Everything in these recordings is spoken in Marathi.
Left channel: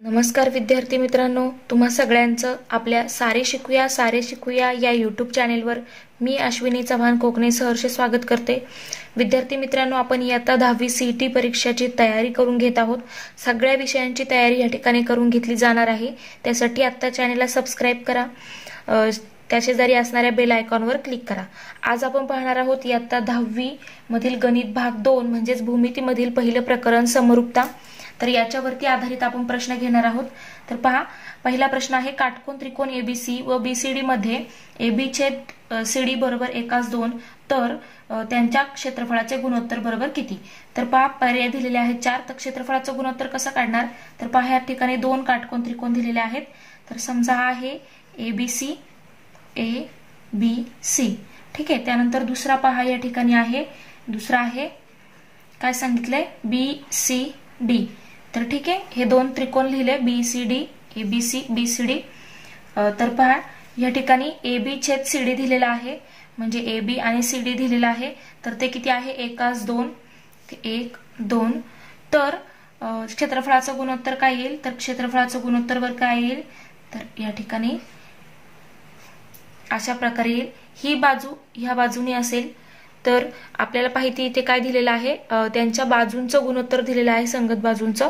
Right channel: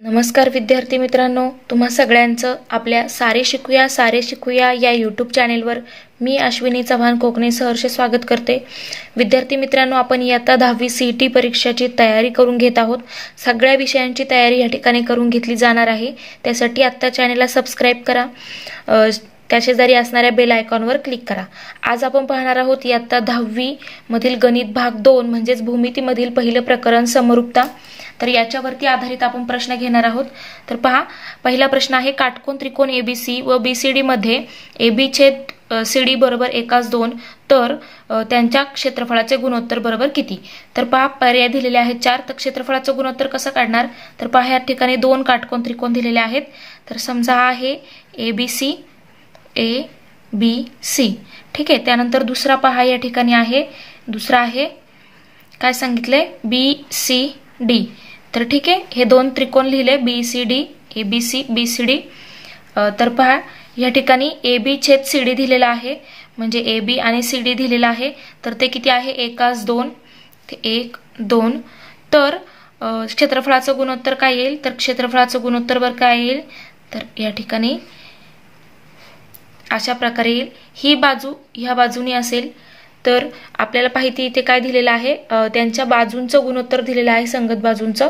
नमस्कार विद्यार्थी मित्रांनो, तुम्हा सगळ्यांचं आपल्या सारे शिकूया या यूट्यूब चॅनेलवर मी अश्विनी चव्हाण कोकणे सहर्ष स्वागत करते। विद्यार्थी मित्रांनो, आपण इयत्ता 10वी सीईटी परीक्षेची तयारी करून घेत आहोत। सगळ्या विषयांची तयारी या ठिकाणी करून घेतली जाणार आहे। त्यासाठी आता चॅनेलला सबस्क्राइब करा, त्या शेजारी असणाऱ्या बेल आयकॉनवर क्लिक करा। आज आपण पाहणार आहोत इयत्ता 10वी मधील गणित भाग 2 म्हणजेच भूमितीमधील पहिलं प्रकरण समरूपता। तर याच्यावरती आधारित आपण प्रश्न घेणार आहोत। तर पहा, पहिला प्रश्न आहे, काटकोन त्रिकोण एबीसी व बीसीडी मध्ये एबी छेद सीडी बरोबर 1:2 तर त्यांच्या क्षेत्रफळाचे गुणोत्तर बरोबर किती। तर पहा, पर्याय दिलेले आहेत 4। तर क्षेत्रफळाचे गुणोत्तर कसं काढणार, तर पहा या ठिकाणी दोन काटकोन त्रिकोण दिलेले आहेत। तर समजा हा आहे एबीसी ए बी सी, ठीक आहे। त्यानंतर दुसरा पहा या ठिकाणी आहे, दुसरा आहे काय सांगितले, बी सी डी। तर ठीक आहे, हे दोन त्रिकोण लिहिले B C D, A B C B C D. तर पहा या ठिकाणी ए बी छेद सी डी दिलेला आहे, म्हणजे ए बी आणि सी डी दिलेला आहे। तर ते किती आहे, 1:2 ते 1:2। तर क्षेत्रफळाचं गुणोत्तर काय येईल, तर क्षेत्रफळाचं गुणोत्तर वर काय येईल, तर या ठिकाणी अशा प्रकारे येईल। ही बाजू ह्या बाजूने असेल तर आपल्याला माहिती इथे काय दिलेलं आहे, त्यांच्या बाजूंचं गुणोत्तर दिलेलं आहे, संगत बाजूंचं।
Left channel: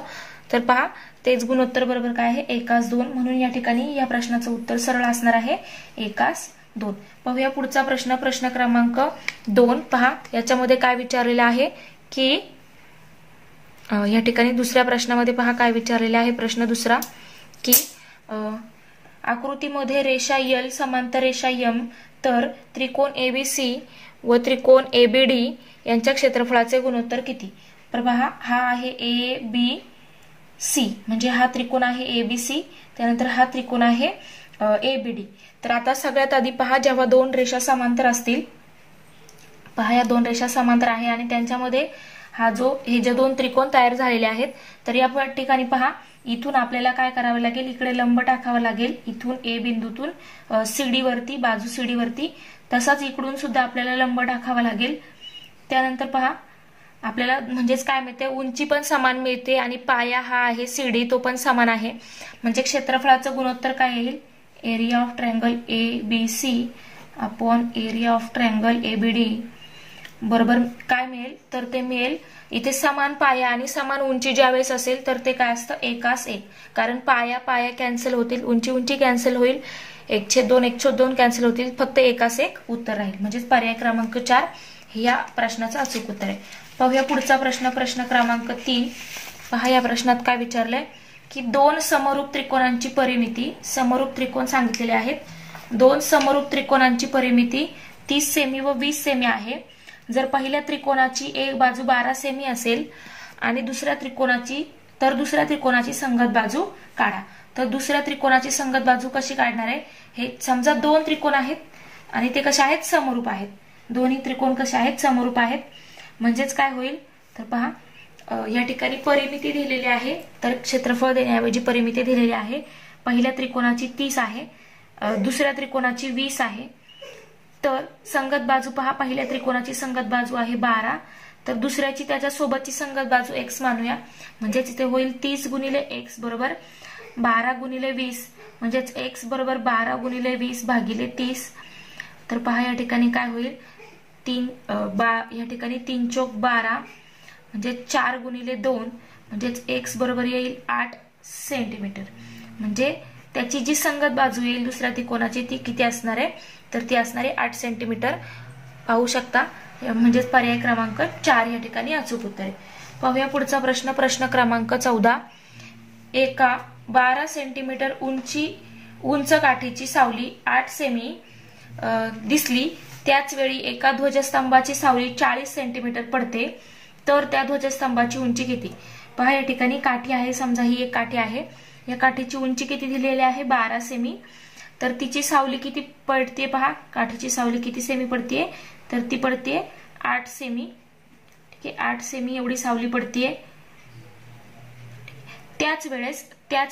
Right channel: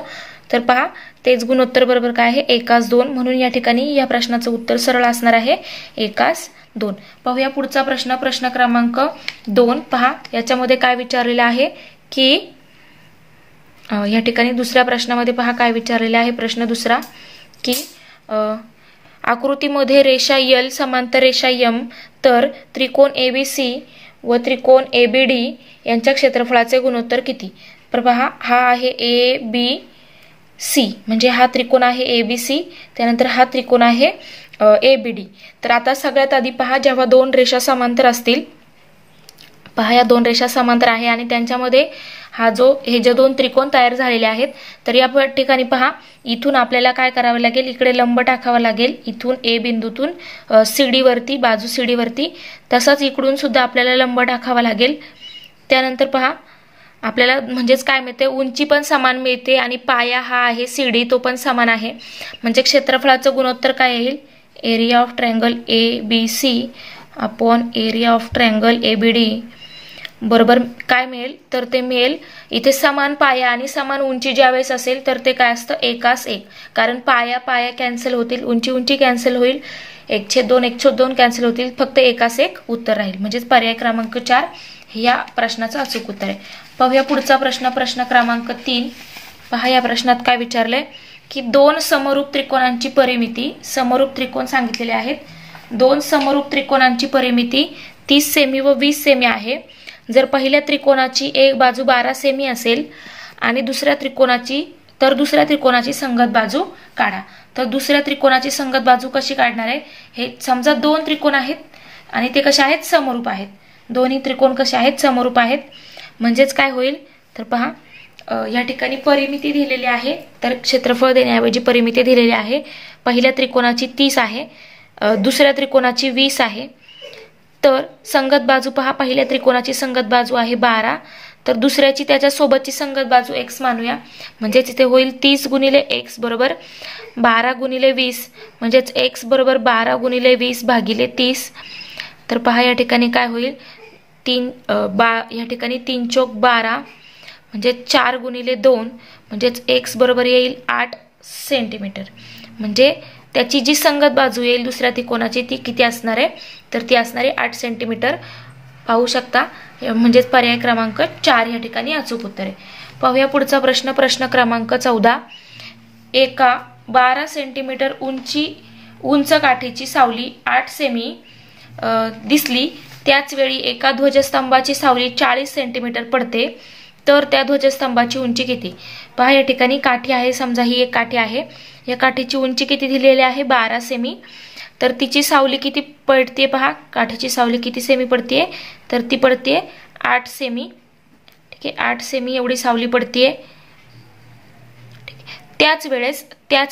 तर पहा तेच गुणोत्तर बरोबर काय आहे, 1:2। म्हणून या ठिकाणी या प्रश्नाचं उत्तर सरळ असणार आहे 1:2। पाहूया पुढचा प्रश्न, प्रश्न क्रमांक 2। पहा याच्यामध्ये काय विचारलेलं आहे की या ठिकाणी दुसऱ्या प्रश्नामध्ये पहा काय विचारलेलं आहे, प्रश्न दुसरा की आकृतीमध्ये रेषा यल समांतर रेषा यम तर त्रिकोण एबीसी व त्रिकोण एबीडी यांच्या क्षेत्रफळाचे गुणोत्तर किती। तर पहा हा आहे ए बी सी, म्हणजे हा त्रिकोण आहे एबीसी, त्यानंतर हा त्रिकोण आहे एबीडी। तर आता सगळ्यात आधी पहा, जेव्हा दोन रेषा समांतर असतील, पहा या दोन रेषा समांतर आहे आणि त्यांच्यामध्ये हे जे दोन त्रिकोण तयार झालेले आहेत, तर या ठिकाणी पहा इथून आपल्याला काय करावे लागेल, इकडे लंब टाकावा लागेल, इथून ए बिंदूतून सीडी वरती, बाजू सीडी वरती, तसंच इकडून सुद्धा आपल्याला लंब टाकावा लागेल। त्यानंतर पहा आपल्याला म्हणजेच काय मिळते, उंची पण समान मिळते आणि पाया हा आहे सीडी तो पण समान आहे। म्हणजे क्षेत्रफळाचं गुणोत्तर काय येईल, area of triangle A B C upon area of triangle A B D बरोबर काय मिळेल, तर ते मिळेल इथे समान पाया आणि समान उंची ज्यावेळेस असेल तर ते काय असतं, 1:1। कारण पाया पाया कॅन्सल होतील, उंची उंची कॅन्सल होईल, 1/2 1/2 कॅन्सल होतील, फक्त 1:1 उत्तर राहील। म्हणजेच पर्याय क्रमांक 4 या प्रश्नाचं अचूक उत्तर आहे। पाहूया पुढचा प्रश्न, प्रश्न क्रमांक 3। पहा या प्रश्नात काय विचारलंय की दोन समरूप त्रिकोणांची परिमिती, समरूप त्रिकोण सांगितलेले आहेत, दोन समरूप त्रिकोणांची परिमिती 30 सेमी व 20 सेमी आहे। जर पहिल्या त्रिकोणाची एक बाजू 12 सेमी असेल आणि दुसऱ्या त्रिकोणाची संगत बाजू काढा। तर दुसऱ्या त्रिकोणाची संगत बाजू कशी काढणार आहे, हे समजा दोन त्रिकोण आहेत आणि ते कसे आहेत, समरूप आहेत, दोन्ही त्रिकोण कसे आहेत, समरूप आहेत। म्हणजेच काय होईल, तर पहा या ठिकाणी परिमिती दिलेली आहे, तर क्षेत्रफळ देण्याऐवजी परिमिती दिलेली आहे। पहिल्या त्रिकोणाची 30 आहे, दुसऱ्या त्रिकोणाची 20 आहे। तर संगत बाजू पहा, पहिल्या त्रिकोणाची संगत बाजू आहे 12, तर दुसऱ्याची त्याच्या सोबतची संगत बाजू x मानूया, म्हणजे तिथे होईल 30 गुणिले x बरोबर 12 गुणिले 20, म्हणजेच x बरोबर 12 गुणिले 20 भागिले 30। तर पहा या ठिकाणी काय होईल, या ठिकाणी 3 चौक 12 म्हणजे 4 गुणिले 2, म्हणजेच x बरोबर येईल 8 सेंटीमीटर। म्हणजे त्याची जी संगत बाजू येईल दुसऱ्या त्रिकोणाची ती किती असणार आहे, तर ती असणार आहे 8 सेंटीमीटर। पाहू शकता, म्हणजेच पर्याय क्रमांक 4 या ठिकाणी अचूक उत्तर आहे। पाहूया पुढचा प्रश्न, प्रश्न क्रमांक 14। एका 12 सेंटीमीटर उंच काठीची सावली 8 सेमी दिसली, त्याच वेळी एका ध्वजस्तंभाची सावली 40 सेंटीमीटर पडते, तर त्या ध्वजस्तंभाची उंची किती। पहा या ठिकाणी काठी आहे, समजा ही एक काठी आहे, या काठीची उंची किती दिलेली आहे, 12 सेमी, तर तिची सावली किती पडते, पहा काठीची सावली किती सेमी पडते, तर ती पडते 8 सेमी, ठीक आहे, 8 सेमी एवढी सावली पडते। त्याच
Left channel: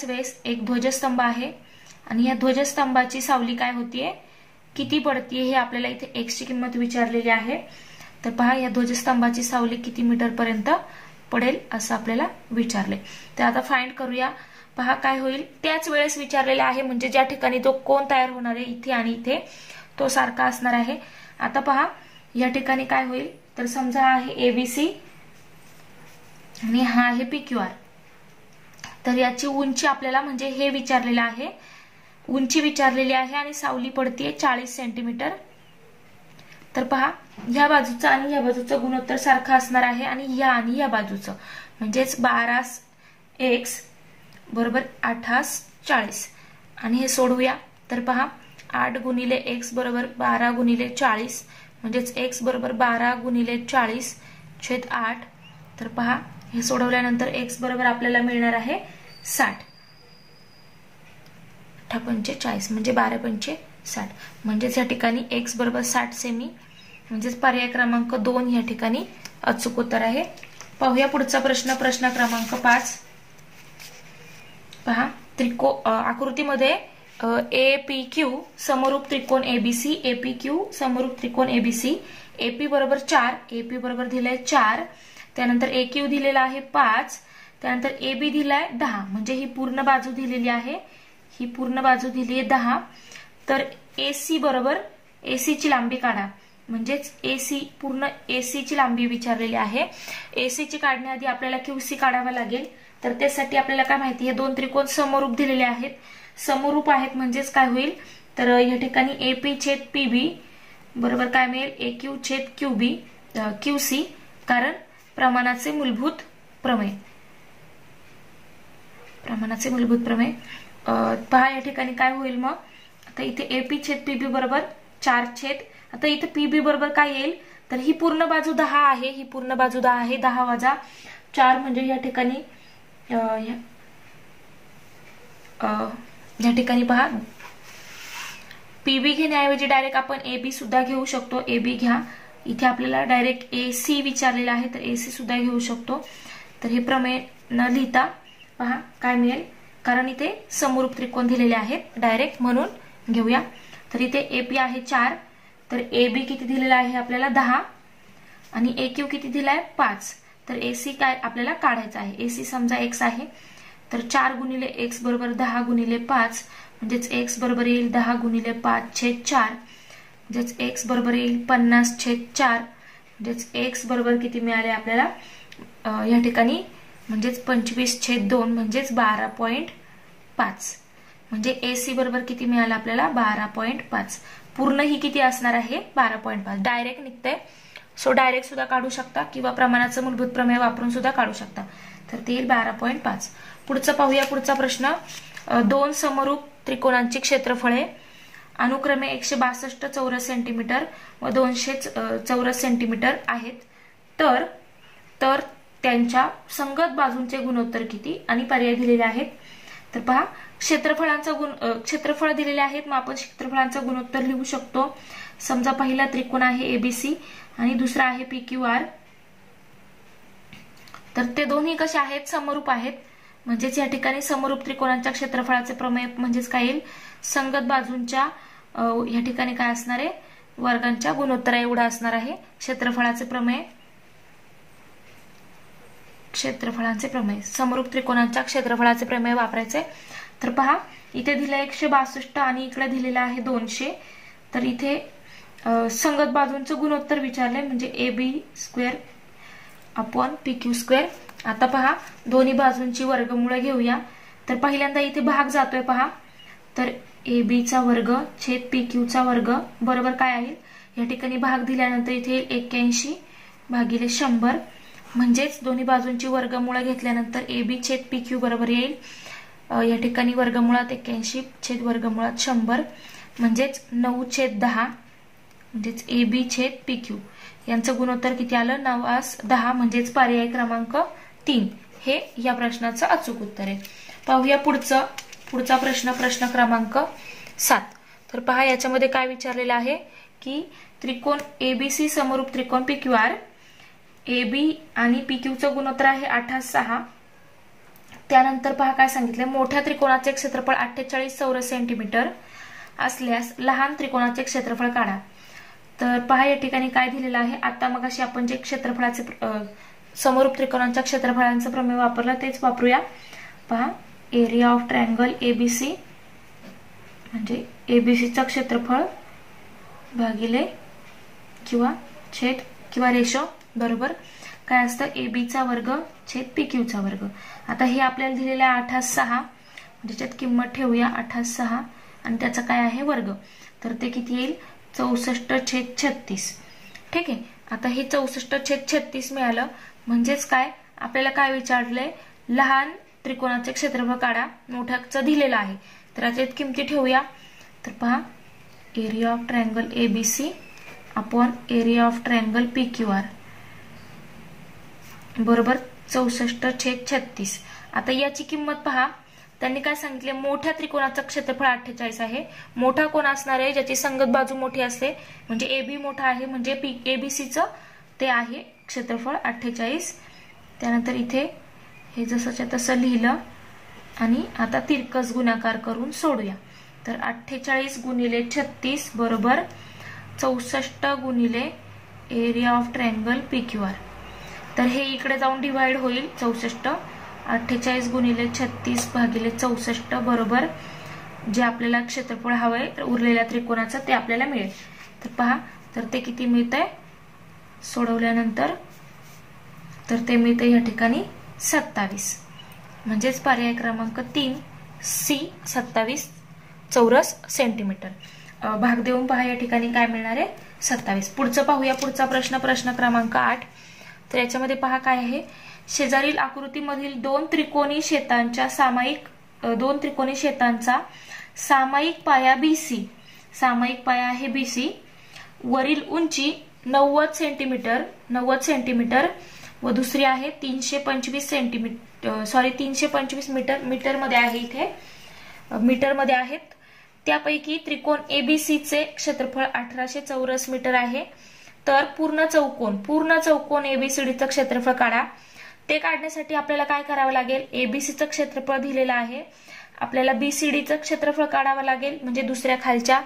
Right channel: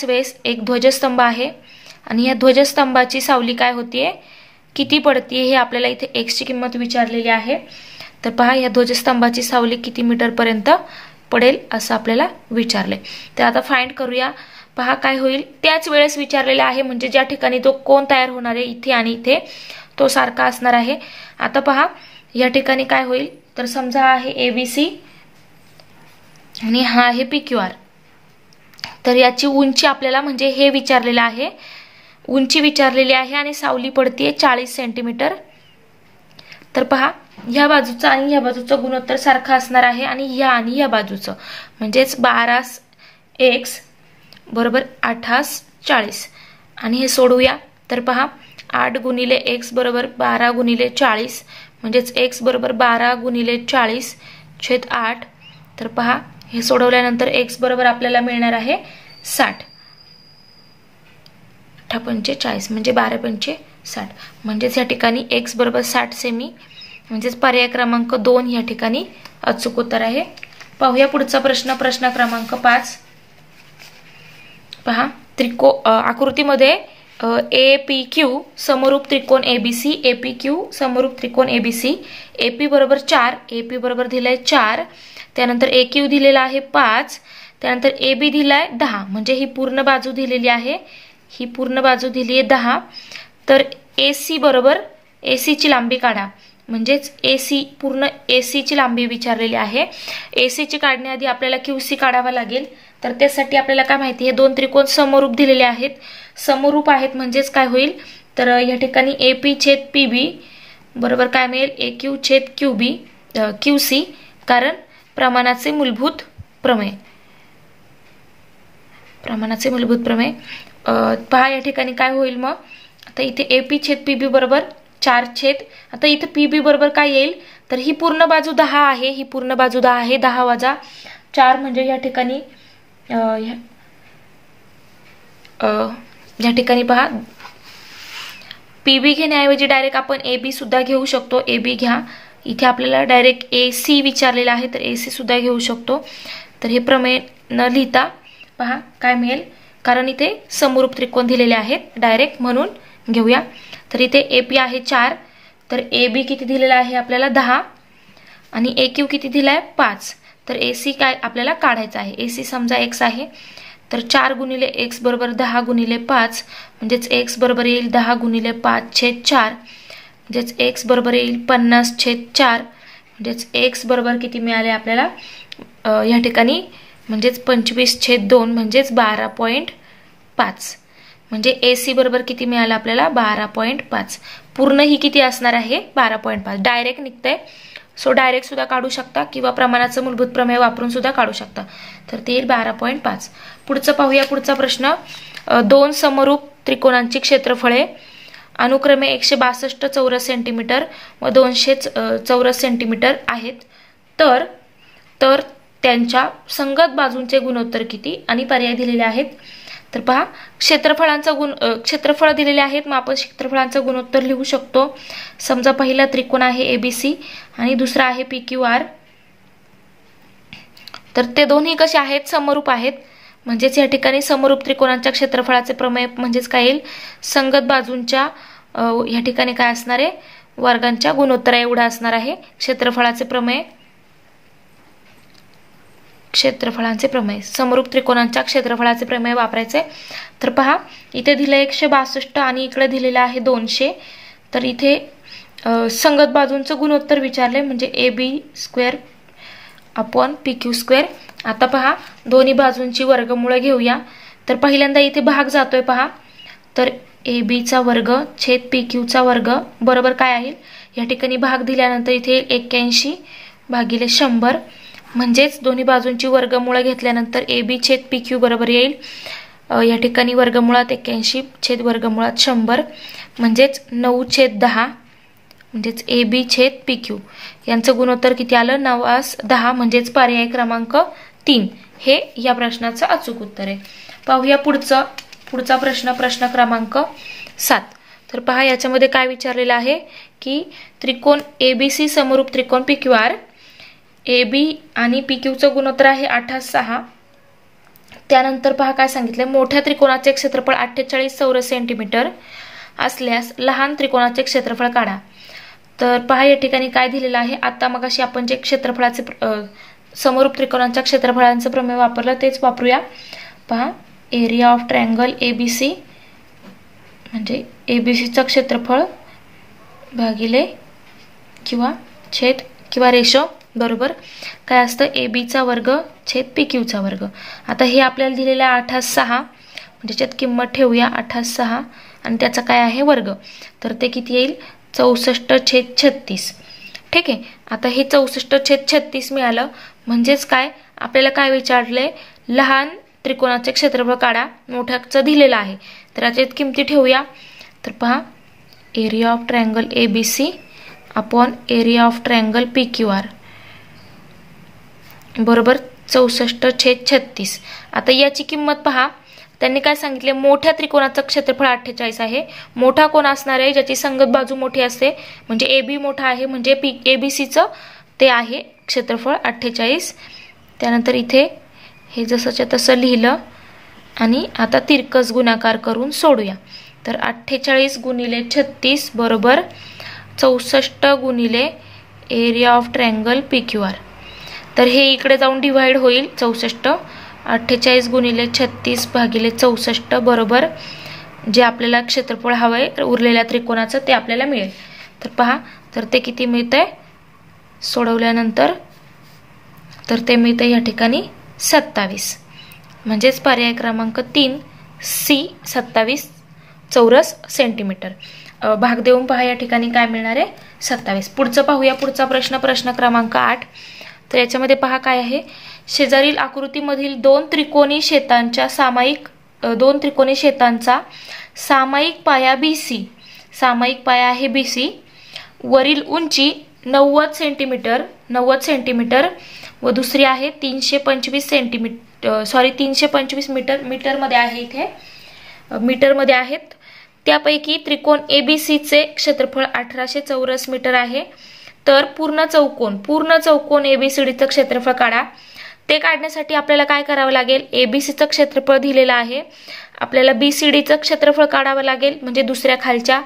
वेळेस एक ध्वजस्तंभ आहे आणि या ध्वजस्तंभाची सावली काय होतीये, किती पडते, हे आपल्याला इथे x ची किंमत विचारलेली आहे। तर पहा या ध्वजस्तंभाची सावली किती मीटर पर्यंत पडेल असं आपल्याला विचारले। तर आता फाइंड करूया। पहा काय होईल, त्याच वेळेस विचारलेला आहे, म्हणजे ज्या ठिकाणी तो कोन तयार होणार आहे इथे आणि इथे तो सारखा असणार आहे. आता पहा या ठिकाणी काय होईल, तर समजा आहे ABC आणि हा आहे PQR. तर याची उंची आपल्याला म्हणजे हे विचारलेलं आहे, उंची विचारलेली आहे आणि सावली पडते 40 सेंटीमीटर. तर पहा ह्या बाजूचा आणि ह्या बाजूचं गुणोत्तर सारखं असणार आहे आणि या बाजूचं म्हणजेच 12x बरोबर 8x40 आणि हे सोडूया. तर पहा 8 गुणिले x बरोबर 12 गुणिले 40 म्हणजेच x बरोबर 12 गुणिले 40 छेद 8. तर पहा हे सोडवल्यानंतर x बरोबर आपल्याला मिळणार आहे 60. 8×45 म्हणजे 12×5 60 म्हणजेच या ठिकाणी x बरोबर 60 सेमी म्हणजेच पर्याय क्रमांक 2 या ठिकाणी अचूक उत्तर आहे. पाहूया पुढचा प्रश्न, प्रश्न क्रमांक 5. पहा आकृतीमध्ये APQ समरूप त्रिकोण ABC, APQ समरूप त्रिकोण ABC, AP बरोबर 4, AP बरोबर दिलाय 4, त्यानंतर AQ दिलेला आहे 5, त्यानंतर AB दिलाय 10 म्हणजे ही पूर्ण बाजू दिलेली आहे, ही पूर्ण बाजू दिली आहे 10. तर AC बरोबर AC ची लांबी काढा, म्हणजेच AC पूर्ण AC ची लांबी विचारलेली आहे. AC ची काढण्याआधी आपल्याला QC काढावा लागेल. तर त्यासाठी आपल्याला काय माहिती, हे दोन त्रिकोण समरूप दिलेले आहेत, समरूप आहेत म्हणजेच काय होईल, तर या ठिकाणी AP छेद PB बरोबर काय मिळेल, AQ छेद QC, कारण प्रमाणाचे मूलभूत प्रमेय. पहा या ठिकाणी काय होईल मग, आता इथे AP छेद PB बरोबर 4 छेद, आता इथे PB बरोबर काय येईल, तर ही पूर्ण बाजू 10 आहे, ही पूर्ण बाजू 10 आहे, 10 वजा 4 म्हणजे या ठिकाणी या ठिकाणी पहा PB घेण्याऐवजी डायरेक्ट आपण AB सुद्धा घेऊ शकतो. AB घ्या, इथे आपल्याला डायरेक्ट AC विचारलेला आहे तर AC सुद्धा घेऊ शकतो. तर हे प्रमेय न लिहिता पहा काय मिळेल, कारण इथे समरूप त्रिकोण दिलेले आहेत डायरेक्ट म्हणून घेऊया. तर इथे AP आहे 4, तर AB किती दिलेला आहे आपल्याला 10 आणि AQ किती दिलाय 5. तर AC काय आपल्याला काढायचा आहे, AC समजा x आहे, तर 4 गुणिले x बरोबर 10 गुणिले 5 म्हणजेच x बरोबर येईल 10 गुणिले 5 छेद 4 म्हणजेच x बरोबर येईल 50 छेद 4 म्हणजेच x बरोबर किती मिळाले आपल्याला या ठिकाणी म्हणजेच 25 छेद 2 म्हणजेच 12.5 म्हणजे AC बरोबर किती मिळालं आपल्याला 12.5. पूर्ण ही किती असणार आहे 12.5. डायरेक्ट निघतंय, सो डायरेक्ट सुद्धा काढू शकता किंवा प्रमाणाचं मूलभूत प्रमेय वापरून सुद्धा काढू शकता. तर ते येईल 12.5. पुढचं पाहूया, पुढचा प्रश्न. दोन समरूप त्रिकोणांची क्षेत्रफळे अनुक्रमे 162 चौरस सेंटीमीटर व 200 चौरस सेंटीमीटर आहेत. तर त्यांच्या संगत बाजूंचे गुणोत्तर किती आणि पर्याय दिलेले आहेत. तर पहा क्षेत्रफळ दिलेले आहेत, मग आपण क्षेत्रफळांचं गुणोत्तर लिहू शकतो. समजा पहिला त्रिकोण आहे ABC आणि दुसरा आहे PQR. तर ते दोन्ही कसे आहेत, समरूप आहेत, म्हणजेच या ठिकाणी समरूप त्रिकोणांच्या क्षेत्रफळाचे प्रमेय म्हणजेच काय येईल, संगत बाजूंच्या या ठिकाणी काय असणार आहे, वर्गांच्या गुणोत्तरा एवढा असणार आहे क्षेत्रफळाचे प्रमेय. समरूप त्रिकोणांच्या क्षेत्रफळाचे प्रमेय वापरायचे. तर पहा इथे दिले 162 आणि इकडे दिलेलं आहे 200. तर इथे संगत बाजूंचं गुणोत्तर विचारले म्हणजे AB² अपॉन PQ². आता पहा दोन्ही बाजूंची वर्गमूळ घेऊया. तर पहिल्यांदा इथे भाग जातोय पहा, तर ABचा वर्ग छेद PQचा वर्ग बरोबर काय आहे, या ठिकाणी भाग दिल्यानंतर इथे 81 भागिले 100 म्हणजेच दोन्ही बाजूंची वर्गमूळ घेतल्यानंतर AB छेद PQ बरोबर येईल या ठिकाणी वर्गमुळात 81 छेद वर्गमुळात 100 म्हणजेच 9/10 म्हणजेच AB छेद PQ यांचं गुणोत्तर किती आलं 9/10 म्हणजेच पर्याय क्रमांक 3 हे या प्रश्नाचं अचूक उत्तर आहे. पाहूया पुढचा प्रश्न, प्रश्न क्रमांक 7. तर पहा याच्यामध्ये काय विचारलेलं आहे की त्रिकोण ABC समरूप त्रिकोण PQR, AB आणि PQचं गुणोत्तर आहे 8/6. त्यानंतर पहा काय सांगितलंय, मोठ्या त्रिकोणाचे क्षेत्रफळ 48 चौरस सेंटीमीटर असल्यास लहान त्रिकोणाचे क्षेत्रफळ काढा. तर पहा या ठिकाणी काय दिलेलं आहे, आता मगाशी आपण जे क्षेत्रफळाचे समरूप त्रिकोणांच्या क्षेत्रफळांचं प्रमेय वापरलं तेच वापरूया. पहा एरिया ऑफ ट्रायंगल ABC म्हणजे ABCचं क्षेत्रफळ भागिले किंवा छेद किंवा रेशो बरोबर काय असतं ABचा वर्ग छेद PQचा वर्ग. आता हे आपल्याला दिलेलं आहे 8/6 म्हणजे त्याच्यात किंमत ठेवूया 8/6 आणि त्याचा काय आहे वर्ग. तर ते किती येईल 64/36. ठीक आहे. आता हे 64/36 मिळालं म्हणजेच काय आपल्याला काय विचारलंय लहान त्रिकोणाचे क्षेत्रफळ काढा मोठ्याचं दिलेलं आहे. तर याच्यात किमती ठेवूया. तर पहा area of triangle ABC upon area of triangle PQR बरोबर 64/36. आता याची किंमत पहा त्यांनी काय सांगितले मोठ्या त्रिकोणाचं क्षेत्रफळ 48 आहे. मोठा कोण असणार आहे ज्याची संगत बाजू मोठी असते म्हणजे AB मोठा आहे म्हणजे ABCचं ते आहे क्षेत्रफळ 48. त्यानंतर इथे हे जसंच्या तसं लिहिलं आणि आता तिरकस गुणाकार करून सोडूया. तर 48 गुणिले 36 बरोबर 64 गुणिले एरिया ऑफ ट्रायंगल PQR. तर हे इकडे जाऊन डिवाइड होईल 64. 48 गुणिले 36 भागिले 64 बरोबर जे आपल्याला क्षेत्रफळ हवंय उरलेल्या त्रिकोणाचं ते आपल्याला मिळेल. तर पहा तर ते किती मिळतंय सोडवल्यानंतर तर ते मिळतंय या ठिकाणी 27 म्हणजेच पर्याय क्रमांक 3 C 27 चौरस सेंटीमीटर. भाग देऊन पहा या ठिकाणी काय मिळणार आहे 27. पुढचं पाहूया. पुढचा प्रश्न क्रमांक 8. तर याच्यामध्ये पहा काय आहे शेजारील आकृतीमधील दोन त्रिकोणी शेतांचा सामायिक पाया BC सामायिक पाया आहे BC वरील उंची 90 सेंटीमीटर व दुसरी आहे 325 मीटरमध्ये आहे. इथे मीटरमध्ये आहेत. त्यापैकी त्रिकोण ABCचे क्षेत्रफळ 1800 चौरस मीटर आहे. तर पूर्ण चौकोन ABCDचं क्षेत्रफळ काढा. ते काढण्यासाठी आपल्याला काय करावं लागेल ABCचं क्षेत्रफळ दिलेलं आहे आपल्याला BCDचं क्षेत्रफळ काढावं लागेल म्हणजे दुसऱ्या खालच्या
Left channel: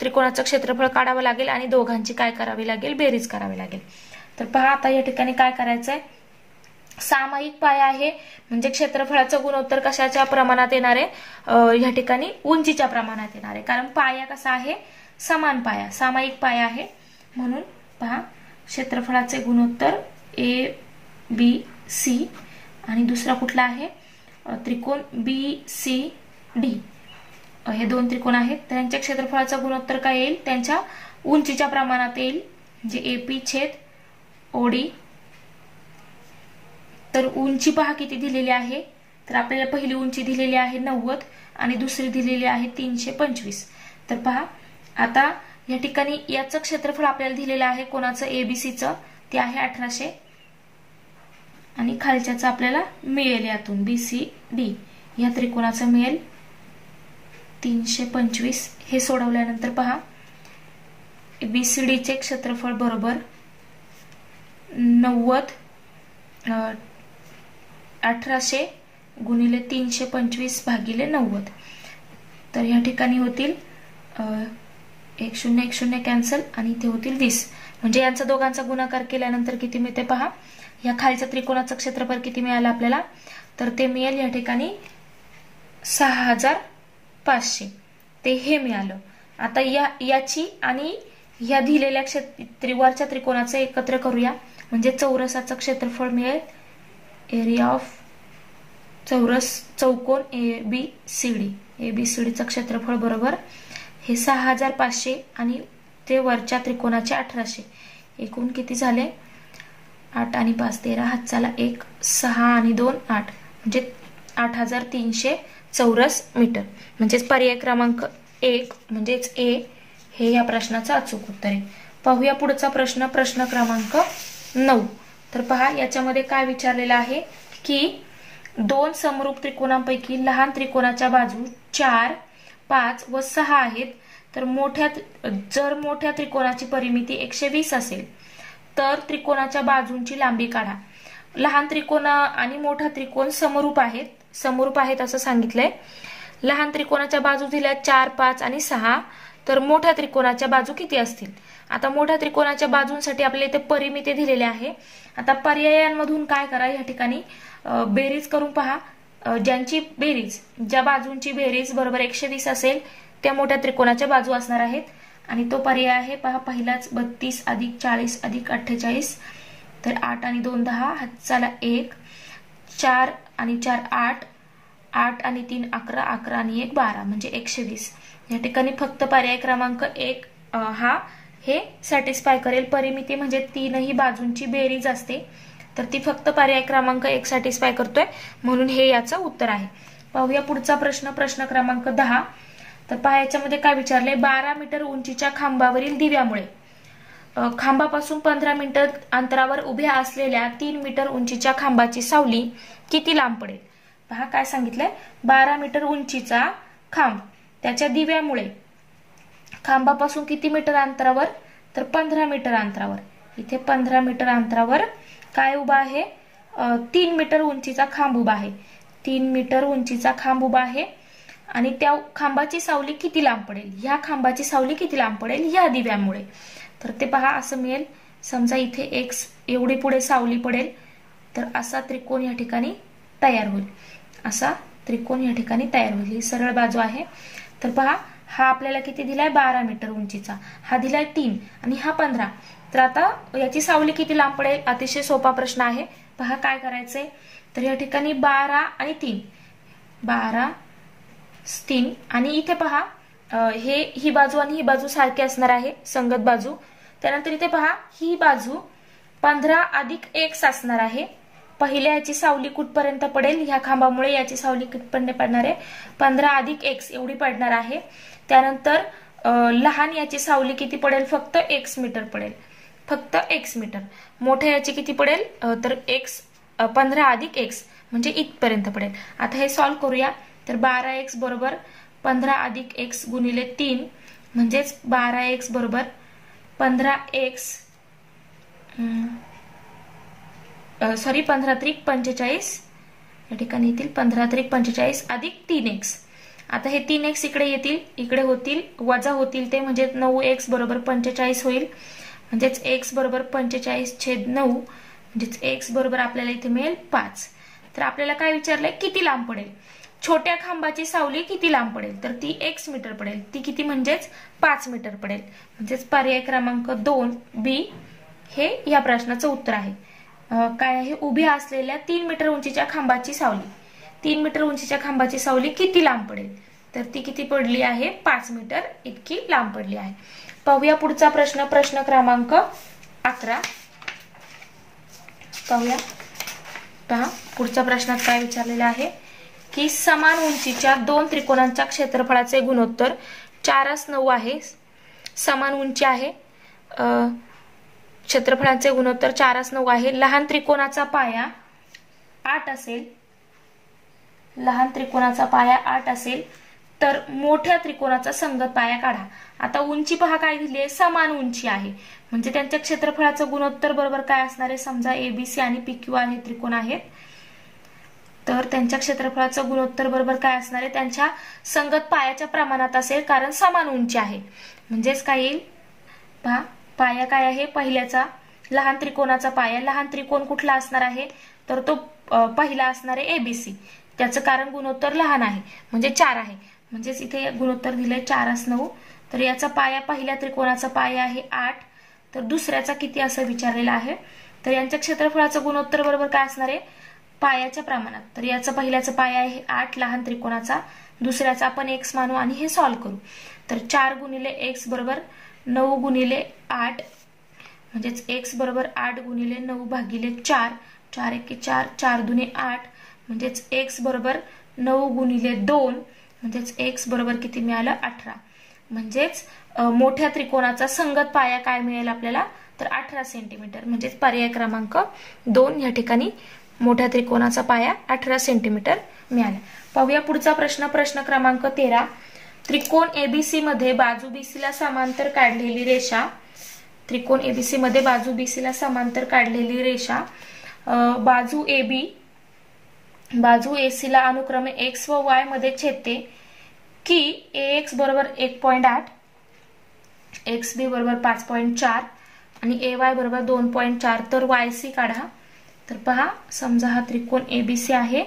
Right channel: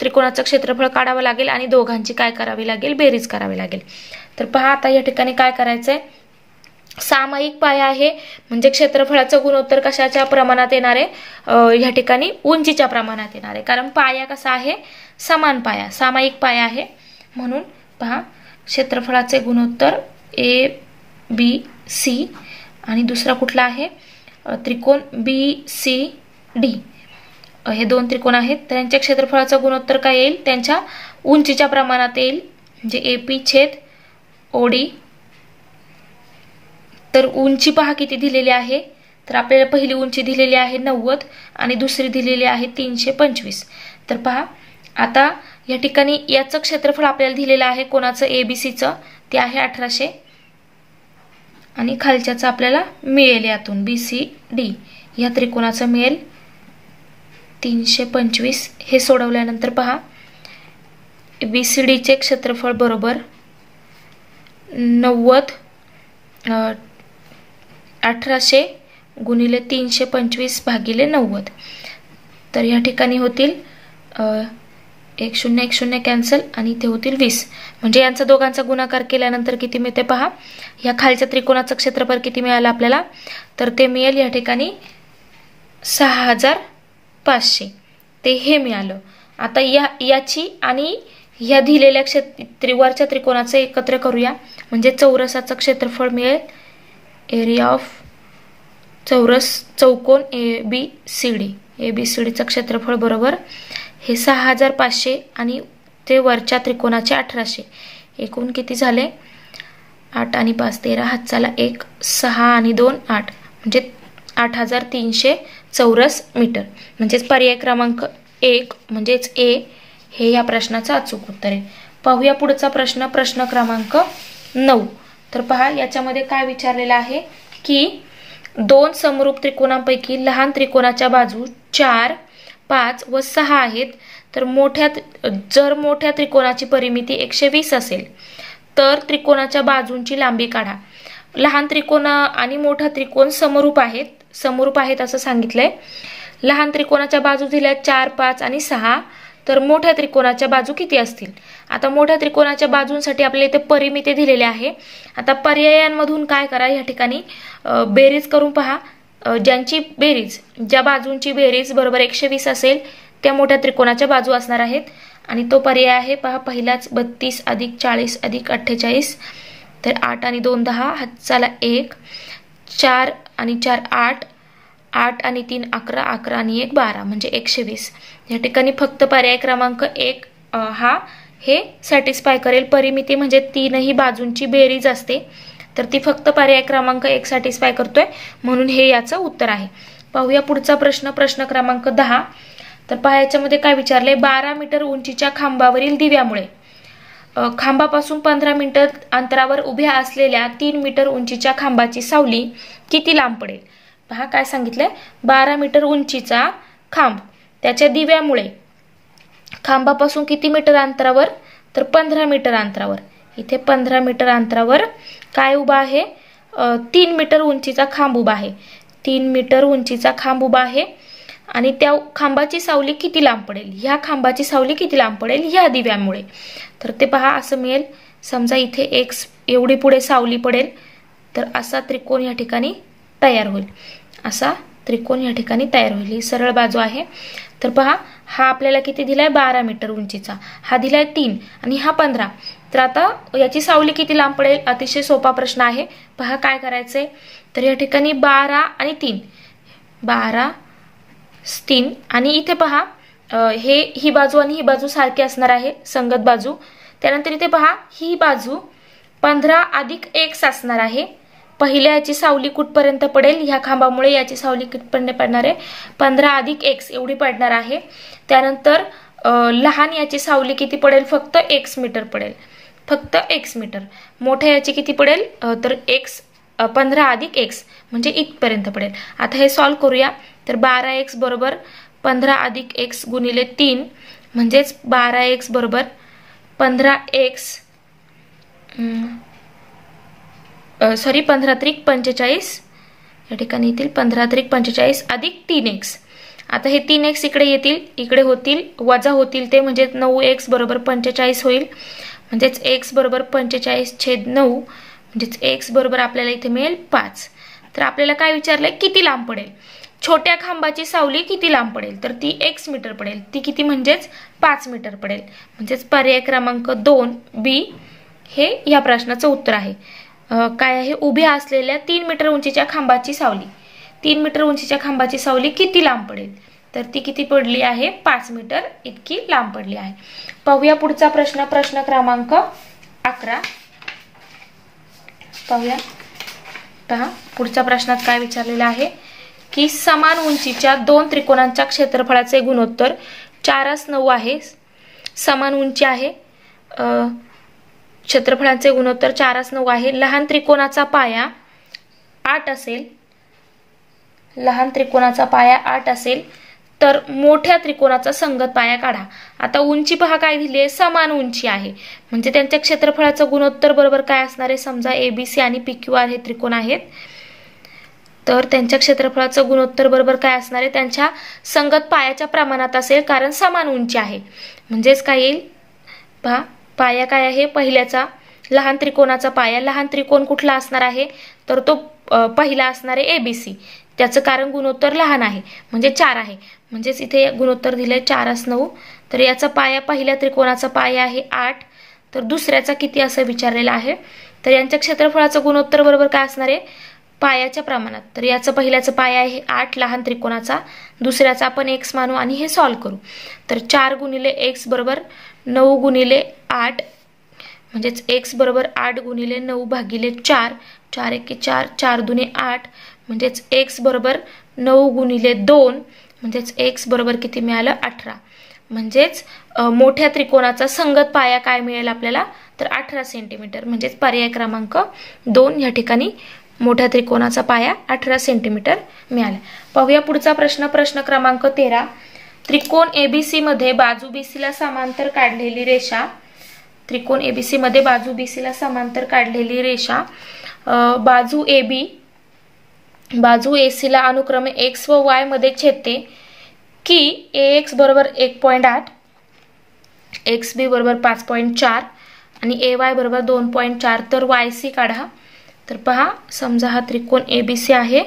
त्रिकोणाचं क्षेत्रफळ काढावं लागेल आणि दोघांची काय करावी लागेल बेरीज करावी लागेल. तर पहा आता या ठिकाणी काय करायचंय सामायिक पाया आहे म्हणजे क्षेत्रफळाचं गुणोत्तर कशाच्या प्रमाणात येणार आहे या ठिकाणी उंचीच्या प्रमाणात येणार आहे कारण पाया कसा आहे समान पाया सामायिक पाया आहे म्हणून पहा क्षेत्रफळाचे गुणोत्तर ABC आणि दुसरा कुठला आहे त्रिकोण BCD हे दोन त्रिकोण आहेत त्यांच्या क्षेत्रफळाचं गुणोत्तर काय येईल त्यांच्या उंचीच्या प्रमाणात येईल म्हणजे AP छेद OD. तर उंची पहा किती दिलेली आहे तर आपल्याला पहिली उंची दिलेली आहे 90 आणि दुसरी दिलेली आहे 325. तर पहा आता या ठिकाणी याचं क्षेत्रफळ आपल्याला दिलेलं आहे कोणाचं ABCचं ते आहे 1800 आणि खालच्याचं आपल्याला मिळेल यातून BCD या त्रिकोणाचं मिळेल 325. हे सोडवल्यानंतर पहा BCDचे क्षेत्रफळ बरोबर 1800 गुणिले 325 भागिले 90. तर या ठिकाणी होतील 10 कॅन्सल आणि इथे होतील 20 म्हणजे यांचा दोघांचा गुणाकार केल्यानंतर किती मिळते पहा या खालच्या त्रिकोणाचं क्षेत्रफळ किती मिळालं आपल्याला तर ते मिळेल या ठिकाणी 6500 ते हे मिळालं. आता याची आणि या दिलेल्या वरच्या त्रिकोणाचं एकत्र करूया म्हणजे चौरसाचं क्षेत्रफळ मिळेल एरिया ऑफ चौकोन ABCDचं क्षेत्रफळ बरोबर हे 6500 आणि ते वरच्या त्रिकोणाचे 1800 एकूण किती झाले 8 आणि 5 13 हातचाला 1 6 आणि 2 8 म्हणजे 8300 चौरस मीटर म्हणजेच पर्याय क्रमांक 1 म्हणजेच A हे या प्रश्नाचं अचूक उत्तर आहे. पाहूया पुढचा प्रश्न क्रमांक 9. तर पहा याच्यामध्ये काय विचारलेलं आहे की दोन समरूप त्रिकोणांपैकी लहान त्रिकोणाच्या बाजू 4 5 व 6 आहेत तर जर मोठ्या त्रिकोणाची परिमिती 120 असेल तर त्रिकोणाच्या बाजूंची लांबी काढा. लहान त्रिकोण आणि मोठा त्रिकोण समरूप आहेत असं सांगितलंय. लहान त्रिकोणाच्या बाजू दिल्या 4 5 आणि 6 तर मोठ्या त्रिकोणाच्या बाजू किती असतील. आता मोठ्या त्रिकोणाच्या बाजूंसाठी आपल्याला इथे परिमिती दिलेली आहे. आता पर्यायांमधून काय करा या ठिकाणी बेरीज करून पहा ज्यांची बेरीज, ज्या बाजूंची बेरीज बरोबर 120 असेल त्या मोठ्या त्रिकोणाच्या बाजू असणार आहेत. आणि तो पर्याय आहे पहा पहिलाच 32 अधिक 40 अधिक 48. तर 8 आणि 2 10, हातचाला 1, 4 आणि 4 8, 8 आणि 3 11, 11 आणि 1 12 म्हणजे 120. या ठिकाणी फक्त पर्याय क्रमांक 1 हा हे सॅटिस्फाय करेल. परिमिती म्हणजे तीनही बाजूंची बेरीज असते, तर ती फक्त पर्याय क्रमांक 1 सॅटिस्फाय करतोय, म्हणून हे याचं उत्तर आहे. पाहूया पुढचा प्रश्न, प्रश्न क्रमांक 10. तर पहा याच्यामध्ये काय विचारलंय, 12 मीटर उंचीच्या खांबावरील दिव्यामुळे खांबापासून 15 मीटर अंतरावर उभ्या असलेल्या 3 मीटर उंचीच्या खांबाची सावली किती लांब पडेल. पहा काय सांगितलंय, 12 मीटर उंचीचा खांब त्याच्या दिव्यामुळे खांबापासून किती मीटर अंतरावर, तर 15 मीटर अंतरावर. इथे 15 मीटर अंतरावर काय उभा आहे, 3 मीटर उंचीचा खांब उभा आहे. 3 मीटर उंचीचा खांब उभा आहे आणि त्या खांबाची सावली किती लांब पडेल, ह्या खांबाची सावली किती लांब पडेल ह्या दिव्यामुळे. तर ते पहा असं मिळेल, समजा इथे x एवढी पुढे सावली पडेल, तर असा त्रिकोण या ठिकाणी तयार होईल. असा त्रिकोण या ठिकाणी तयार होईल. ही सरळ बाजू आहे. तर पहा हा आपल्याला किती दिलाय, 12 मीटर उंचीचा, हा दिलाय 3 आणि हा 15. तर आता याची सावली किती लांब पडेल, अतिशय सोपा प्रश्न आहे. पहा काय करायचंय, तर या ठिकाणी 12 आणि 3, 12 3 आणि इथे पहा ही बाजू आणि ही बाजू सारखी असणार आहे, संगत बाजू. त्यानंतर इथे पहा ही बाजू 15 अधिक x असणार आहे. पहिल्या याची सावली कुठपर्यंत पडेल, ह्या खांबामुळे याची सावली कुठपर्यंत पडणार आहे, 15 अधिक x एवढी पडणार आहे. त्यानंतर लहान याची सावली किती पडेल, फक्त x मीटर पडेल, फक्त x मीटर. मोठ्या याची किती पडेल, तर x 15 अधिक x म्हणजे इथपर्यंत पडेल. आता हे सॉल्व्ह करूया. तर 12x बरोबर 15 अधिक x गुणिले 3 म्हणजेच 12x बरोबर 15x 15 त्रिक 45. या ठिकाणी येतील 15 त्रिक 45 अधिक 3x. आता हे 3x इकडे येतील, इकडे होतील, वजा होतील ते, म्हणजे 9x बरोबर 45 होईल. म्हणजेच x बरोबर 45/9 म्हणजेच x बरोबर आपल्याला इथे मिळेल 5. तर आपल्याला काय विचारलंय, किती लांब पडेल, छोट्या खांबाची सावली किती लांब पडेल, तर ती x मीटर पडेल. ती किती म्हणजेच 5 मीटर पडेल. म्हणजेच पर्याय क्रमांक 2 B हे या प्रश्नाचं उत्तर आहे. काय आहे, उभ्या असलेल्या 3 मीटर उंचीच्या खांबाची सावली, 3 मीटर उंचीच्या खांबाची सावली किती लांब पडेल, तर ती किती पडली आहे, 5 मीटर इतकी लांब पडली आहे. पाहूया पुढचा प्रश्न, प्रश्न क्रमांक 11. पाहूया, पहा पुढच्या प्रश्नात काय विचारलेलं आहे की समान उंचीच्या 2 त्रिकोणांच्या क्षेत्रफळाचे गुणोत्तर 4:9 आहे. समान उंची आहे, क्षेत्रफळाचे गुणोत्तर 4:9 आहे. लहान त्रिकोणाचा पाया 8 असेल, लहान त्रिकोणाचा पाया 8 असेल तर मोठ्या त्रिकोणाचा संगत पाया काढा. आता उंची पहा काय दिली आहे, समान उंची आहे, म्हणजे त्यांच्या क्षेत्रफळाचं गुणोत्तर बरोबर काय असणार आहे, समजा ABC आणि PQR हे त्रिकोण आहेत, तर त्यांच्या क्षेत्रफळाचं गुणोत्तर बरोबर काय असणार आहे, त्यांच्या संगत पायाच्या प्रमाणात असेल, कारण समान उंची आहे. म्हणजेच काय येईल, पहा पाया काय आहे, पहिल्याचा लहान त्रिकोणाचा पाया, लहान त्रिकोण कुठला असणार आहे, तर तो पहिला असणार आहे ABC, त्याचं कारण गुणोत्तर लहान आहे म्हणजे 4 आहे. म्हणजेच इथे गुणोत्तर दिलंय 4:9. तर याचा पाया, पहिल्या त्रिकोणाचा पाया आहे 8, तर दुसऱ्याचा किती असं विचारलेलं आहे. तर यांच्या क्षेत्रफळाचं गुणोत्तर बरोबर काय असणार आहे, पायाच्या प्रमाणात. तर याचं पहिल्याचं पाया आहे 8 लहान त्रिकोणाचा, दुसऱ्याचा आपण x मानू आणि हे सॉल्व्ह करू. तर 4 गुणिले x बरोबर 9 गुणिले 8 म्हणजेच x बरोबर 8 गुणिले 9 भागिले 4, 4 एके 4, 4 दुने 8 म्हणजेच x बरोबर 9 गुणिले 2 म्हणजेच x बरोबर किती मिळालं, 18. म्हणजेच मोठ्या त्रिकोणाचा संगत पाया काय मिळेल आपल्याला, तर 18 सेंटीमीटर. म्हणजेच पर्याय क्रमांक 2 या ठिकाणी मोठ्या त्रिकोणाचा पाया 18 सेंटीमीटर मिळाला. पाहूया पुढचा प्रश्न, प्रश्न क्रमांक 13. त्रिकोण ABC मध्ये बाजू BC ला समांतर काढलेली रेषा, त्रिकोण ABC मध्ये बाजू BC ला समांतर काढलेली रेषा बाजू AB बाजू AC ला अनुक्रमे x व y मध्ये छेदते की AX बरोबर 1.8, XB बरोबर 5.4 आणि AY बरोबर 2.4. तर YC काढा. तर पहा, समजा हा त्रिकोण ABC आहे,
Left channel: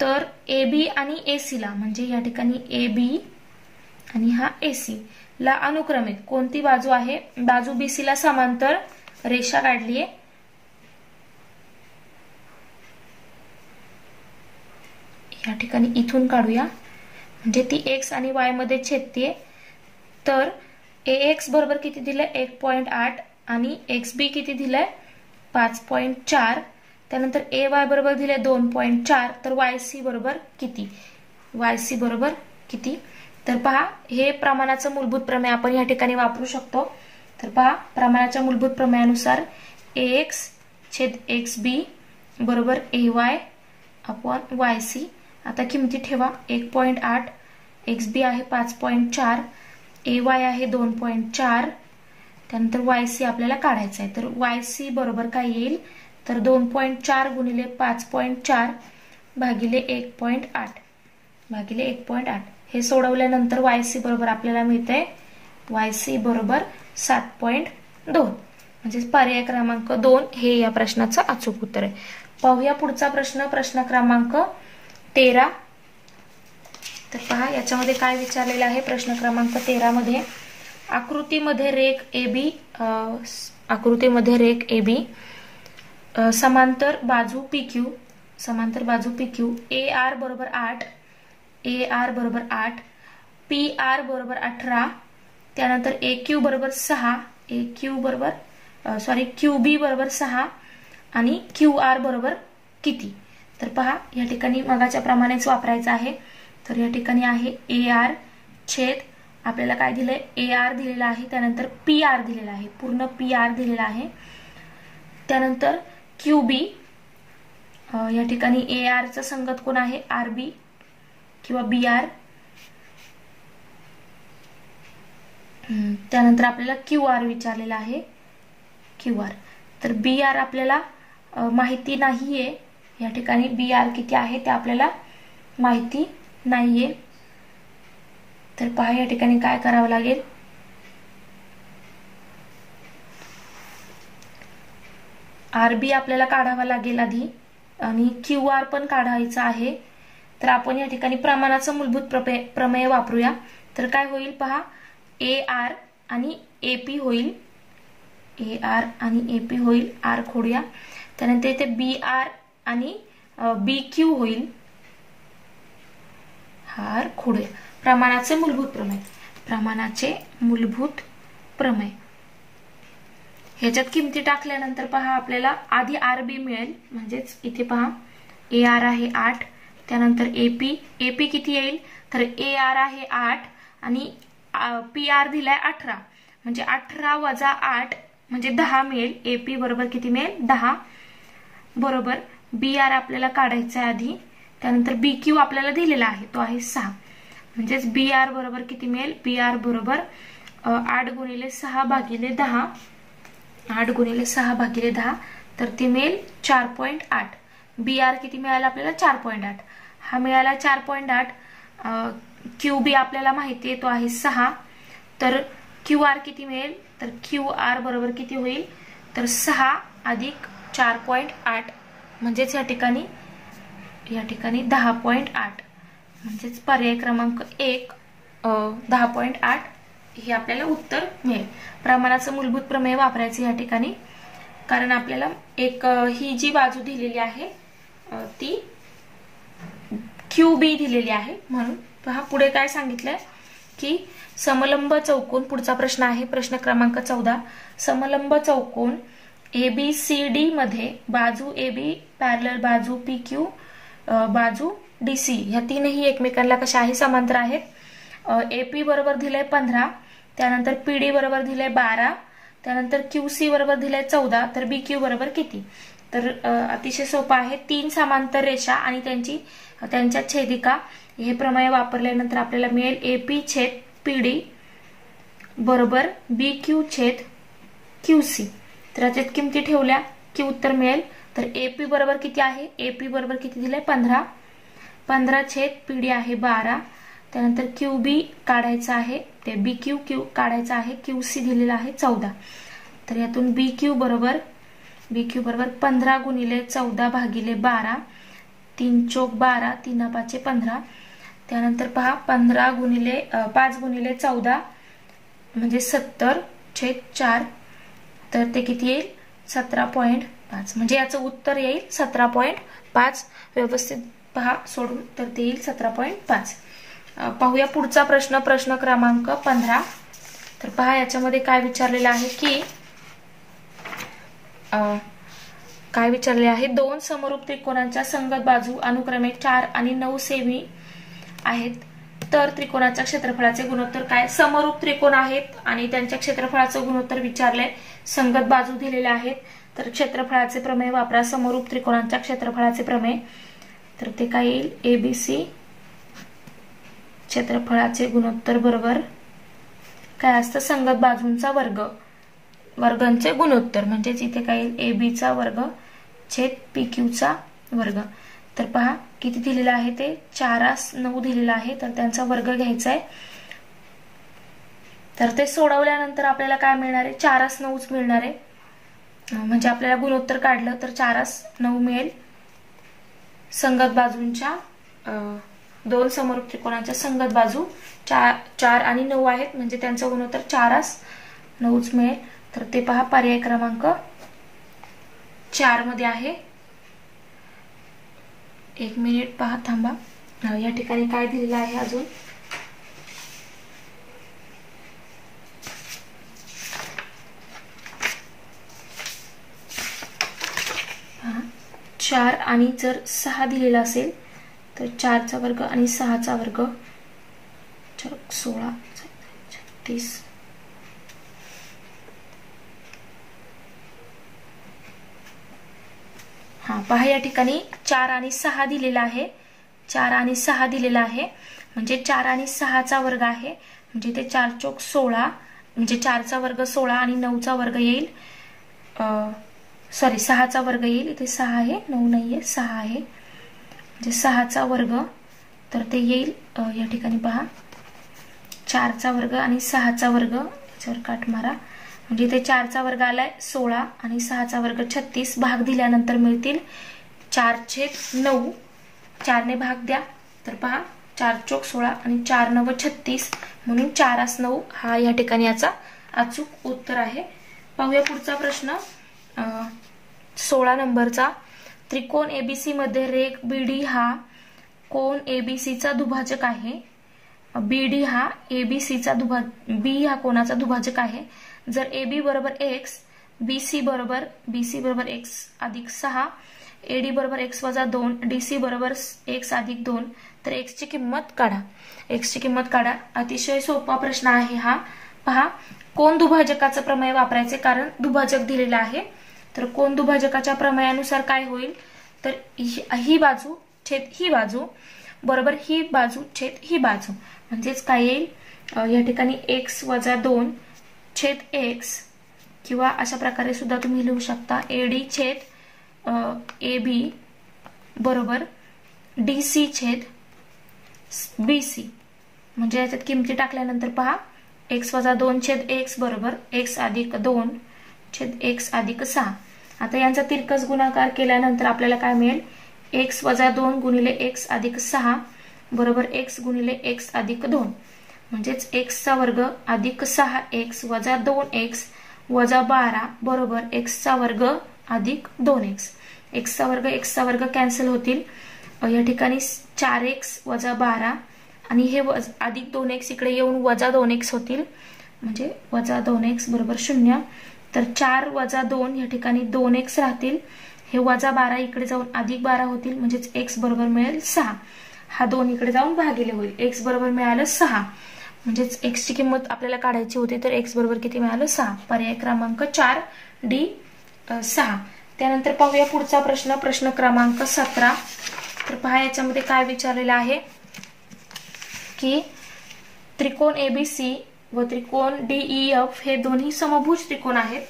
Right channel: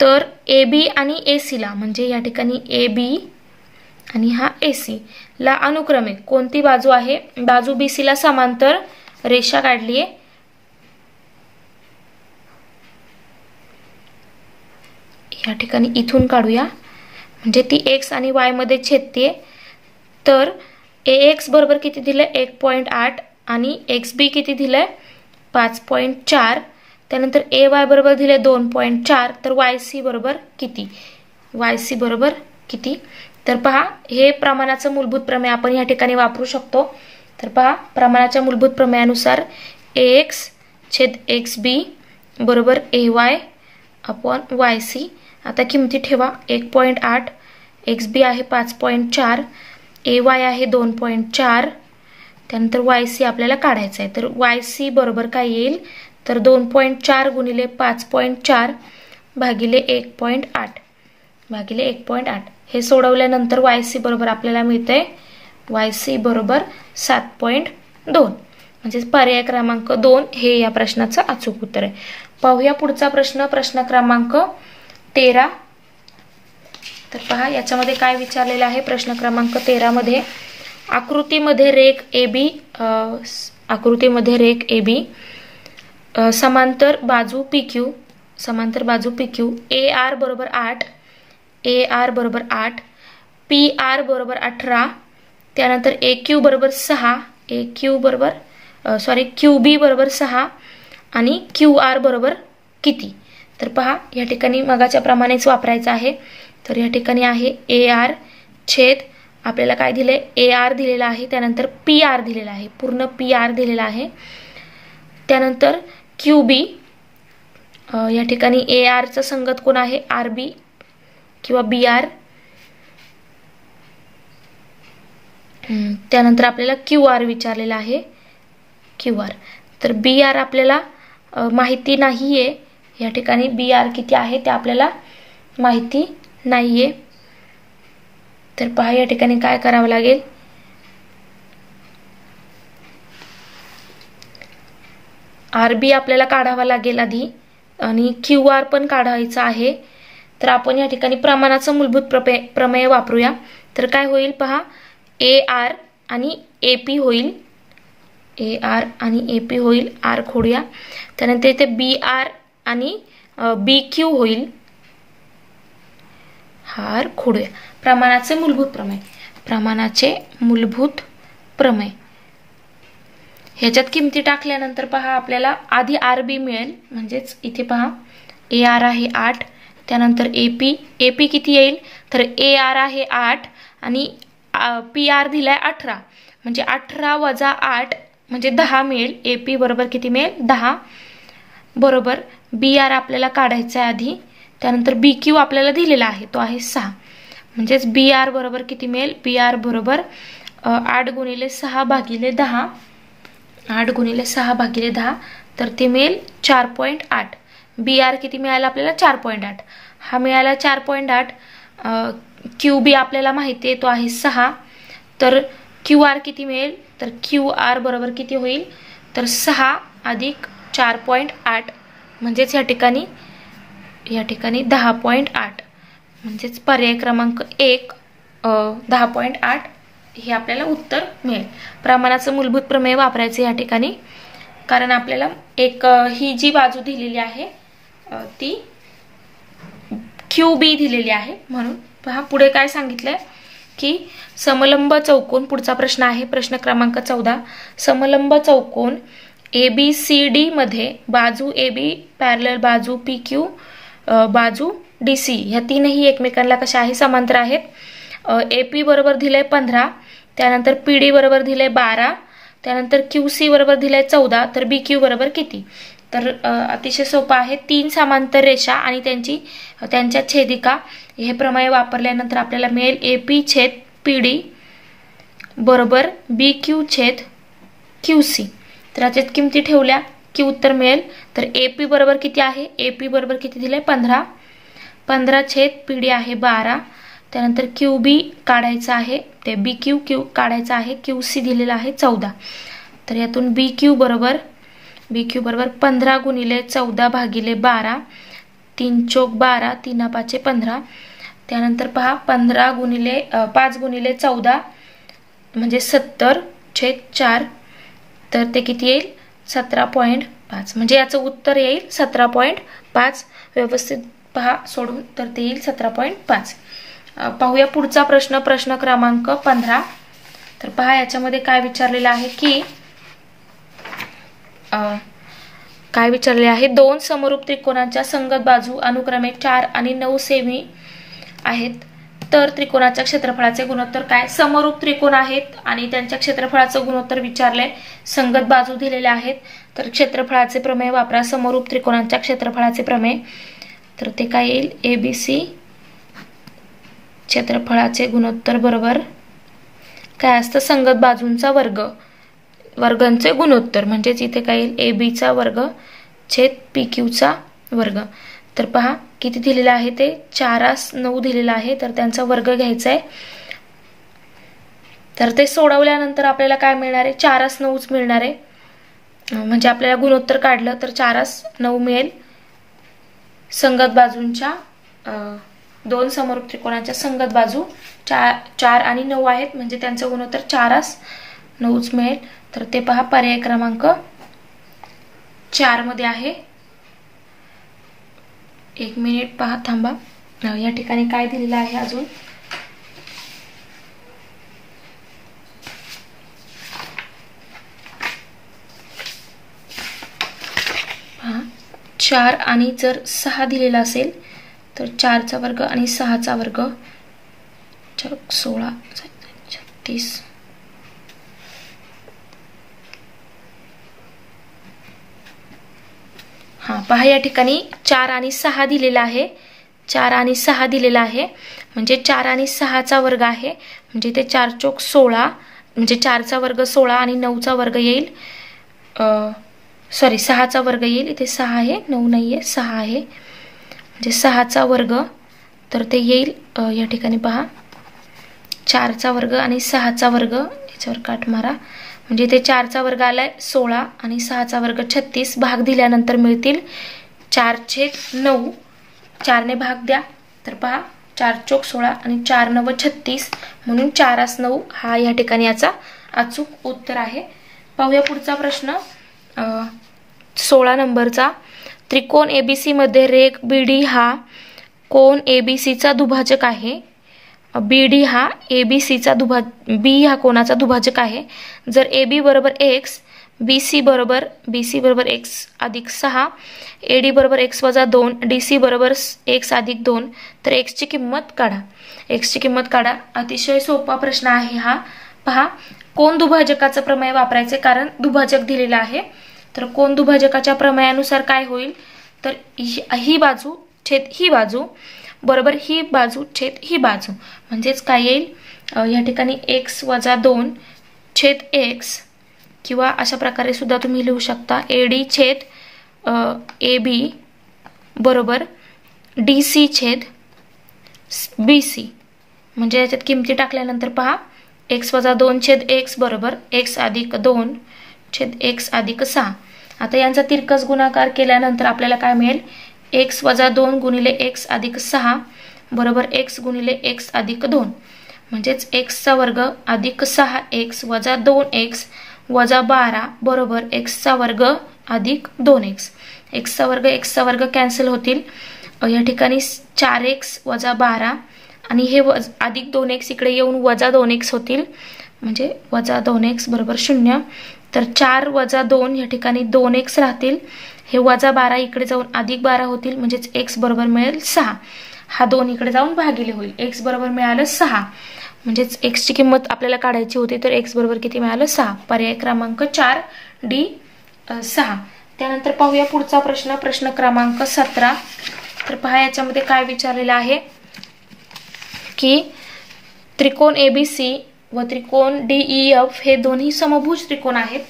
तर ए बी आणि ए सीला म्हणजे या ठिकाणी ए बी आणि हा ए सी ला अनुक्रमे कोणती बाजू आहे? बाजू बी सी ला समांतर रेषा काढली आहे. या ठिकाणी इथून काढूया म्हणजे ती एक्स आणि वाय मध्ये छेदते. तर ए एक्स बरोबर किती दिलंय? 1.8 आणि एक्स बी किती दिलंय? 5.4. त्यानंतर ए वाय बरोबर दिले 2.4. तर वाय सी बरोबर किती? वाय सी बरोबर किती? तर पहा, हे प्रमाणाचं मूलभूत प्रमेय आपण या ठिकाणी वापरू शकतो. तर पहा, प्रमाणाच्या मूलभूत प्रमेयानुसार ए एक्स छेद एक्स बी बरोबर ए वाय अपॉन वाय सी. आता किमती ठेवा. 1.8, एक्स बी आहे 5.4, ए वाय आहे 2.4. त्यानंतर वाय सी आपल्याला काढायचं आहे. तर वाय सी बरोबर काय येईल? तर 2.4 गुणिले 5.4 भागिले 1.8 भागिले 1.8. हे सोडवल्यानंतर वाय सी बरोबर आपल्याला मिळतंय वाय सी बरोबर 7.2. म्हणजे पर्याय क्रमांक 2 हे या प्रश्नाचं अचूक उत्तर आहे. पाहूया पुढचा प्रश्न, प्रश्न क्रमांक 13. तर पहा, याच्यामध्ये काय विचारलेलं आहे? प्रश्न क्रमांक 13 मध्ये आकृतीमध्ये रेख ए बी समांतर बाजू पी क्यू ए आर बरोबर 8, पी आर बरोबर 18, त्यानंतर ए क्यू बरोबर 6, क्यू बी बरोबर 6 आणि क्यू आर बरोबर किती? तर पहा, या ठिकाणी मगाच्या प्रमाणेच वापरायचं आहे. तर या ठिकाणी आहे ए आर छेद आपल्याला काय दिलंय? ए आर दिलेला आहे, त्यानंतर पी आर दिलेला आहे, पूर्ण पी आर दिलेला आहे. त्यानंतर क्यू बी, या ठिकाणी ए आरचं संगत कोण आहे? आर बी किंवा बी आर. त्यानंतर आपल्याला क्यू आर विचारलेला आहे, क्यू आर. तर बी आर आपल्याला माहिती नाहीये. या ठिकाणी बी आर किती आहे ते आपल्याला माहिती नाहीये. तर पहा, या ठिकाणी काय करावं लागेल? आर बी आपल्याला काढावा लागेल आधी आणि क्यू आर पण काढायचा आहे. तर आपण या ठिकाणी प्रमाणाचं मूलभूत प्रमेय वापरूया. तर काय होईल पहा, ए आर आणि ए पी होईल, ए आर आणि ए पी होईल. आर खोडूया. त्यानंतर इथे बी आर आणि बी क्यू होईल, आर खोडूया. प्रमाणाचे मूलभूत प्रमेय ह्याच्यात किमती टाकल्यानंतर पहा, आपल्याला आधी आर बी मिळेल. म्हणजेच इथे पहा, ए आर आहे 8, त्यानंतर ए पी किती येईल? तर ए आर आहे 8 आणि पी आर दिलाय 18, म्हणजे 18 वजा 8 म्हणजे 10 मिळेल. ए पी बरोबर किती मिळेल? 10 बरोबर. बी आर आपल्याला काढायचा आहे आधी. त्यानंतर बी क्यू आपल्याला दिलेला आहे, तो आहे 6. म्हणजेच बी आर बरोबर किती मिळेल? बी आर बरोबर 8 गुणिले 6 भागिले 10, 8 गुणिले 6 भागिले 10, तर ते मिळेल 4.8. बी आर किती मिळाला आपल्याला? 4.8. हा मिळाला 4.8. क्यू बी आपल्याला माहिती आहे, तो आहे 6. तर क्यू आर किती मिळेल? तर क्यू आर बरोबर किती होईल? तर 6 अधिक 4.8 म्हणजेच या ठिकाणी 10.8. म्हणजेच पर्याय क्रमांक 1 10.8 हे आपल्याला उत्तर मिळेल. प्रमाणाचं मूलभूत प्रमेय वापरायचे या ठिकाणी, कारण आपल्याला एक ही जी बाजू दिलेली आहे ती क्यू बी दिलेली आहे. म्हणून पहा, पुढे काय सांगितलंय की समलंब चौकोन, पुढचा प्रश्न आहे प्रश्न क्रमांक 14. समलंब चौकोन ABCD मध्ये बाजू AB पॅरलल बाजू PQ बाजू DC ह्या तीनही एकमेकांना कशा आहे? समांतर आहेत. AP बरोबर दिलंय 15, त्यानंतर PD बरोबर दिलंय 12, त्यानंतर QC बरोबर दिलंय 14. तर BQ बरोबर किती? तर अतिशय सोपं आहे. 3 समांतर रेषा आणि त्यांच्या छेदिका हे प्रमेय वापरल्यानंतर आपल्याला मिळेल AP छेद PD बरोबर BQ छेद QC. तर याच्यात किमती ठेवल्या की उत्तर मिळेल. तर AP बरोबर किती आहे? AP बरोबर किती दिलंय? 15 छेद PD आहे 12. त्यानंतर QB काढायचा आहे, ते BQ काढायचा आहे, QC दिलेला आहे 14. तर यातून BQ बरोबर 15 गुणिले 14 भागिले 12, 3 चौक 12, 3 5 15. त्यानंतर पहा 15 गुणिले 5 गुणिले 14 म्हणजे 70/4. तर ते किती येईल? 17.5. म्हणजे याचं उत्तर येईल 17.5. व्यवस्थित पहा सोडून, तर ते येईल 17.5. पाहूया पुढचा प्रश्न, प्रश्न क्रमांक 15. तर पहा याच्यामध्ये काय विचारलेलं आहे की काय विचारले आहे, दोन समरूप त्रिकोणांच्या संगत बाजू अनुक्रमे 4 आणि 9 सेमी आहेत, तर त्रिकोणाच्या क्षेत्रफळाचे गुणोत्तर काय? समरूप त्रिकोण आहेत आणि त्यांच्या क्षेत्रफळाचं गुणोत्तर विचारले, संगत बाजू दिलेल्या आहेत, तर क्षेत्रफळाचे प्रमेय वापरा. समरूप त्रिकोणांच्या क्षेत्रफळाचे प्रमेय, तर ते काय येईल? ABC क्षेत्रफळाचे गुणोत्तर बरोबर काय असतं? संगत बाजूंचा वर्ग, वर्गांचे गुणोत्तर. म्हणजेच इथे काय येईल? AB चा वर्ग छेद PQ चा वर्ग. तर पहा किती दिलेलं आहे ते 4/9 दिलेलं आहे, तर त्यांचा वर्ग घ्यायचा आहे. तर ते सोडवल्यानंतर आपल्याला काय मिळणार आहे? 4/9च मिळणार आहे. म्हणजे आपल्याला गुणोत्तर काढलं तर 4/9 मिळेल. संगत बाजूंच्या दोन समरूप त्रिकोणाच्या संगत बाजू 4 आणि 9 आहेत, म्हणजे त्यांचं गुणोत्तर 4/9च मिळेल. तर ते पहा पर्याय क्रमांक 4 मध्ये आहे. 1 मिनिट पहा, थांबा. या ठिकाणी काय दिलेलं आहे अजून? पहा 4 आणि जर 6 दिलेला असेल तर 4चा वर्ग आणि 6चा वर्ग 16 36. पहा या ठिकाणी 4 आणि 6 दिलेला आहे. 4 आणि 6 दिलेला आहे, म्हणजे 4 आणि 6चा वर्ग आहे. म्हणजे ते 4 चौक 16, म्हणजे 4चा वर्ग 16 आणि 9चा वर्ग येईल. 6चा वर्ग येईल. इथे 6 आहे, 9 नाहीये, 6 आहे. म्हणजे 6चा वर्ग, तर ते येईल या ठिकाणी पहा 4चा वर्ग आणि 6चा वर्ग, याच्यावर काट मारा. म्हणजे ते 4चा वर्ग आलाय 16 आणि 6चा वर्ग 36. भाग दिल्यानंतर मिळतील 4/9. 4ने भाग द्या, तर पहा 4 चौक 16 आणि 4 9 36, म्हणून 4/9 हा या ठिकाणी याचा अचूक उत्तर आहे. पाहूया पुढचा प्रश्न, 16 नंबरचा. त्रिकोण ABC मध्ये रेघ BD हा कोण ABC चा दुभाजक आहे. BD हा ABC चा B हा कोणाचा दुभाजक आहे. जर AB बरोबर x, BC बरोबर x अधिक 6, AD बरोबर x वजा 2, DC बरोबर x अधिक 2, तर x ची किंमत काढा. x ची किंमत काढा. अतिशय सोपा प्रश्न आहे हा. पहा कोण दुभाजकाचं प्रमेय वापरायचे, कारण दुभाजक दिलेला आहे. तर कोण दुभाजकाच्या प्रमेयानुसार काय होईल, तर ही बाजू छेद ही बाजू बरोबर ही बाजू छेद ही बाजू, म्हणजेच काय येईल या ठिकाणी x वजा 2 छेद x, किंवा अशा प्रकारे सुद्धा तुम्ही लिहू शकता AD छेद AB बरोबर DC छेद BC. म्हणजे याच्यात किमती टाकल्यानंतर पहा x वजा 2 छेद x बरोबर x अधिक 2 छेद x अधिक 6. आता यांचा तिरकस गुणाकार केल्यानंतर आपल्याला काय मिळेल? x वजा 2 गुणिले x अधिक 6 बरोबर x गुणिले x अधिक 2, म्हणजेच x चा वर्ग अधिक 6x वजा 2x वजा 12 बरोबर x चा वर्ग अधिक 2x. x चा वर्ग कॅन्सल होतील. या ठिकाणी 4x वजा 12 आणि हे अधिक 2x इकडे येऊन वजा 2x होतील, म्हणजे वजा 2x बरोबर 0. तर 4 वजा 2 या ठिकाणी 2x राहतील. हे वजा 12 इकडे जाऊन अधिक 12 होतील, म्हणजेच x बरोबर मिळेल 6. हा 2 इकडे जाऊन भागिले होईल. x बरोबर मिळालं 6. म्हणजेच x ची किंमत आपल्याला काढायची होती, तर x बरोबर किती मिळालं? 6. पर्याय क्रमांक 4 D 6. त्यानंतर पाहूया पुढचा प्रश्न, प्रश्न क्रमांक 17. तर पहा याच्यामध्ये काय विचारलेलं आहे की त्रिकोण ABC व त्रिकोण DEF हे दोन्ही समभुज त्रिकोण आहेत.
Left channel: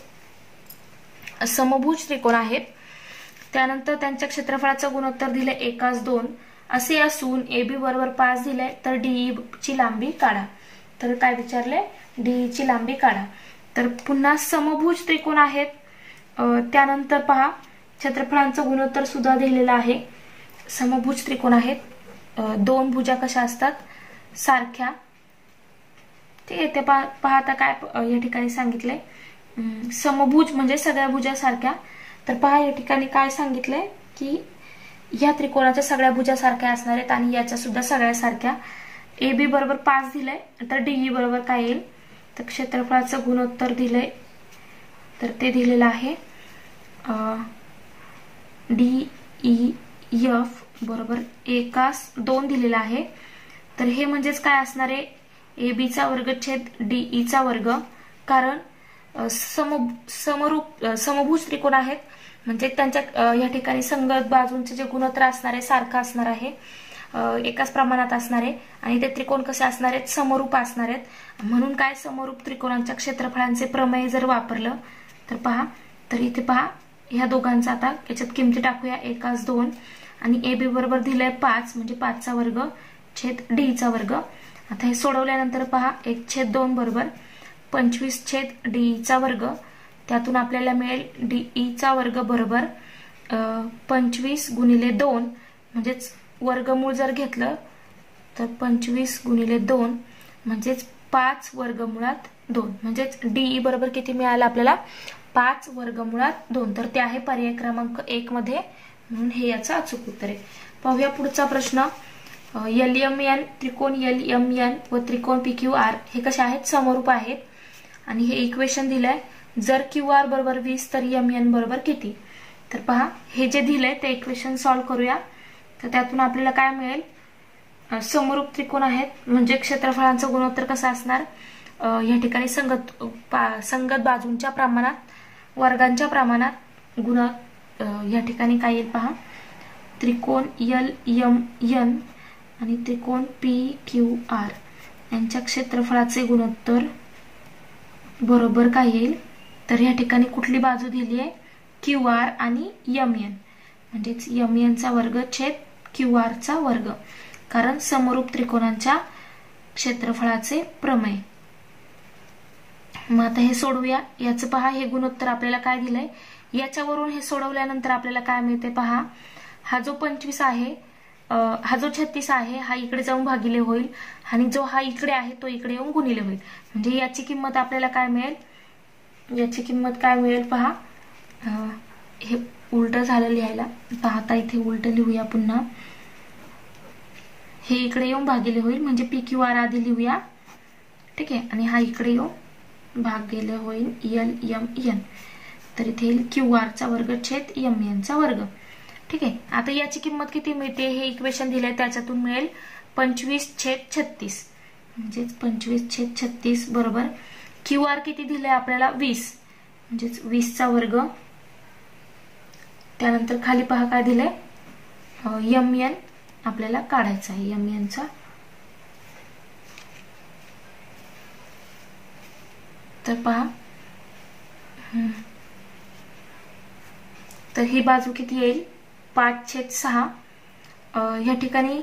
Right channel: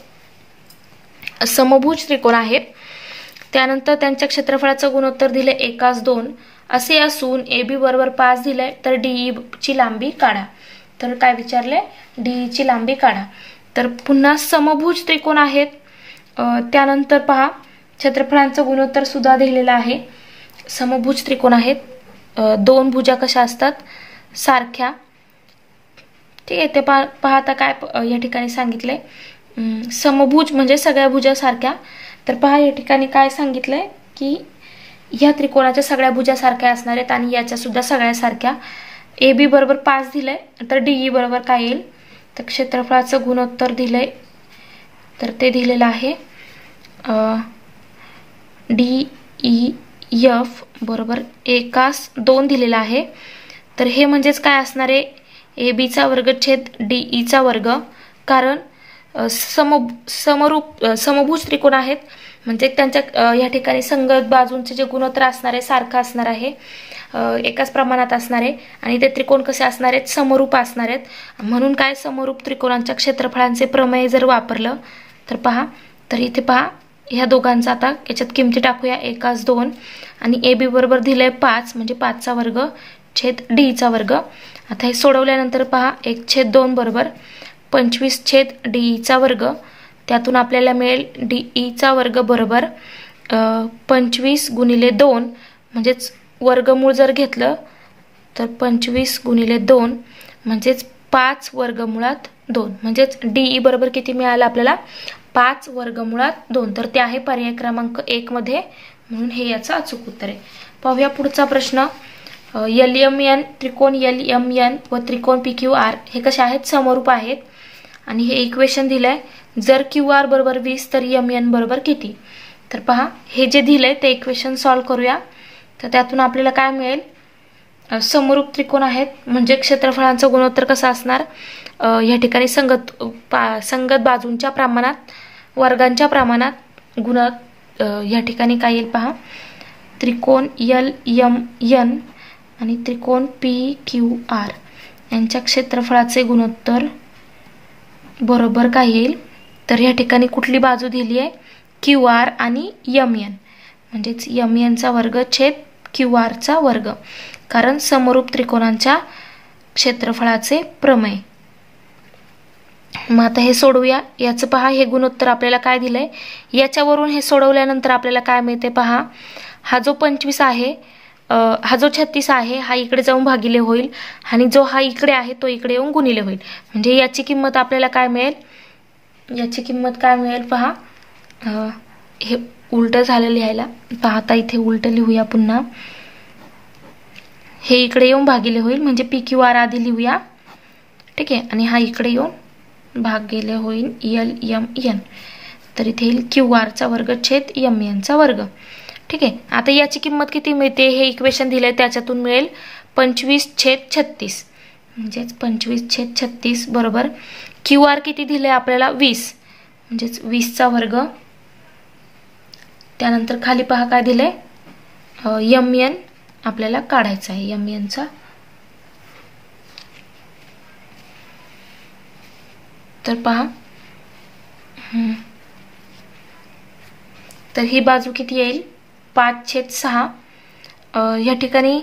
त्यानंतर त्यांच्या क्षेत्रफळाचं गुणोत्तर दिले 1:2 असे असून AB बरोबर 5 दिले, तर DE ची लांबी काढा. तर काय विचारले? DE ची लांबी काढा. तर पुन्हा समभुज त्रिकोण आहेत. त्यानंतर पहा क्षेत्रफळांचं गुणोत्तर सुद्धा दिलेलं आहे. समभुज त्रिकोण आहेत. दोन भुजा कशा असतात? सारख्या. ठीक आहे, ते पाहता काय या ठिकाणी सांगितलंय, समभुज म्हणजे सगळ्या भुजा सारख्या. तर पहा या ठिकाणी काय सांगितलंय की या त्रिकोणाच्या सगळ्या भुजा सारख्या असणार आहेत आणि याच्या सुद्धा सगळ्या सारख्या. ए बी बरोबर 5 दिलंय, तर डीई बरोबर काय येईल? तर क्षेत्रफळाचं गुणोत्तर दिलंय, तर ते दिलेलं आहे DEF बरोबर 1/2 दिलेला आहे. तर हे म्हणजेच काय असणार आहे? AB चा वर्ग छेद DE चा वर्ग. कारण समभुज त्रिकोण आहेत म्हणजे त्यांच्या या ठिकाणी संगत बाजूंचे जे गुणोत्तर असणार आहे सारखं असणार आहे, एकाच प्रमाणात असणार आहे आणि ते त्रिकोण कसे असणार आहेत? समरूप असणार आहेत. म्हणून काय समरूप त्रिकोणांच्या क्षेत्रफळांचे प्रमेय जर वापरलं तर पहा, तर इथे पहा ह्या दोघांचा आता याच्यात किमती टाकूया. 1/2 आणि AB बरोबर दिलंय 5 म्हणजे 5चा वर्ग छेद DE चा वर्ग. आता हे सोडवल्यानंतर पहा 1/2 बरोबर 25 छेद DE चा वर्ग. त्यातून आपल्याला मिळेल DE चा वर्ग बरोबर 25 गुणिले 2 म्हणजेच वर्गमूळ जर घेतलं तर 25 गुणिले 2 म्हणजेच 5 वर्गमुळात 2 म्हणजेच DE बरोबर किती मिळालं आपल्याला? 5 वर्गमुळात 2. तर ते आहे पर्याय क्रमांक 1 मध्ये, म्हणून हे याचं अचूक उत्तर आहे. पाहूया पुढचा प्रश्न. LMN त्रिकोण LMN व त्रिकोण PQR हे कसे आहेत? समरूप आहेत आणि हे इक्वेशन दिलंय. जर QR बरोबर 20 तर MN बरोबर किती? तर पहा हे जे दिलंय ते इक्वेशन सॉल्व्ह करूया. तर त्यातून आपल्याला काय मिळेल? समरूप त्रिकोण आहेत म्हणजे क्षेत्रफळांचं गुणोत्तर कसं असणार? या ठिकाणी संगत बाजूंच्या प्रमाणात, वर्गांच्या प्रमाणात या ठिकाणी काय येईल पहा, त्रिकोण LMN आणि त्रिकोण PQR यांच्या क्षेत्रफळाचे गुणोत्तर बरोबर काय येईल? तर या ठिकाणी कुठली बाजू दिली आहे? QR आणि MN म्हणजेच MN चा वर्ग छेद QR चा वर्ग. कारण समरूप त्रिकोणांच्या क्षेत्रफळाचे प्रमेय. मग आता हे सोडवूया. याचं पहा हे गुणोत्तर आपल्याला काय दिलंय, याच्यावरून हे सोडवल्यानंतर आपल्याला काय मिळते पहा. हा जो 25 आहे, हा जो 36 आहे हा इकडे जाऊन भागिले होईल आणि जो हा इकडे आहे तो इकडे येऊन गुणिले होईल. म्हणजे याची किंमत आपल्याला काय मिळेल? याची किंमत काय मिळेल पहा. हे उलट झालं लिहायला, पाहता इथे उलट लिहूया पुन्हा. हे इकडे येऊन भागिले होईल म्हणजे PQR आधी लिहूया. ठीक आहे, आणि हा इकडे येऊन भागिले होईल LMN. तर इथे येईल QR चा वर्ग छेद MN चा वर्ग. ठीक आहे, आता याची किंमत किती मिळते? हे इक्वेशन दिलंय त्याच्यातून मिळेल 25/36 म्हणजेच 25/36 बरोबर QR किती दिले आपल्याला? 20 म्हणजेच 20 चा वर्ग. त्यानंतर खाली पहा काय दिलंय, MN आपल्याला काढायचा आहे, MN चा. तर पहा तर ही बाजू किती येईल? 5/6. या ठिकाणी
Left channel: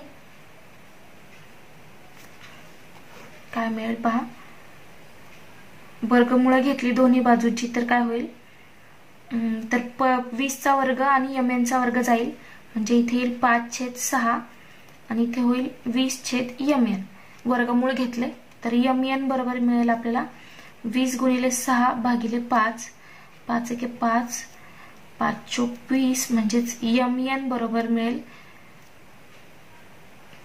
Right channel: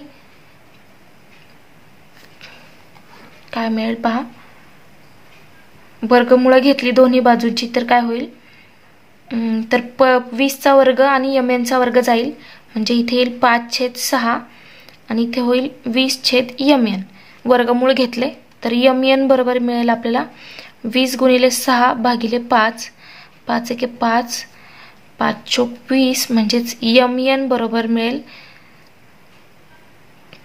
काय मिळेल पहा, वर्गमूळ घेतली दोन्ही बाजूची तर काय होईल? तर 20 चा वर्ग आणि MN चा वर्ग जाईल म्हणजे इथे येईल 5/6 आणि इथे होईल 20/MN. वर्गमूळ घेतले तर MN बरोबर मिळेल आपल्याला 20 गुणिले 6 भागिले 5. 5 एके 5, 5 चोक 20 म्हणजेच MN बरोबर मिळेल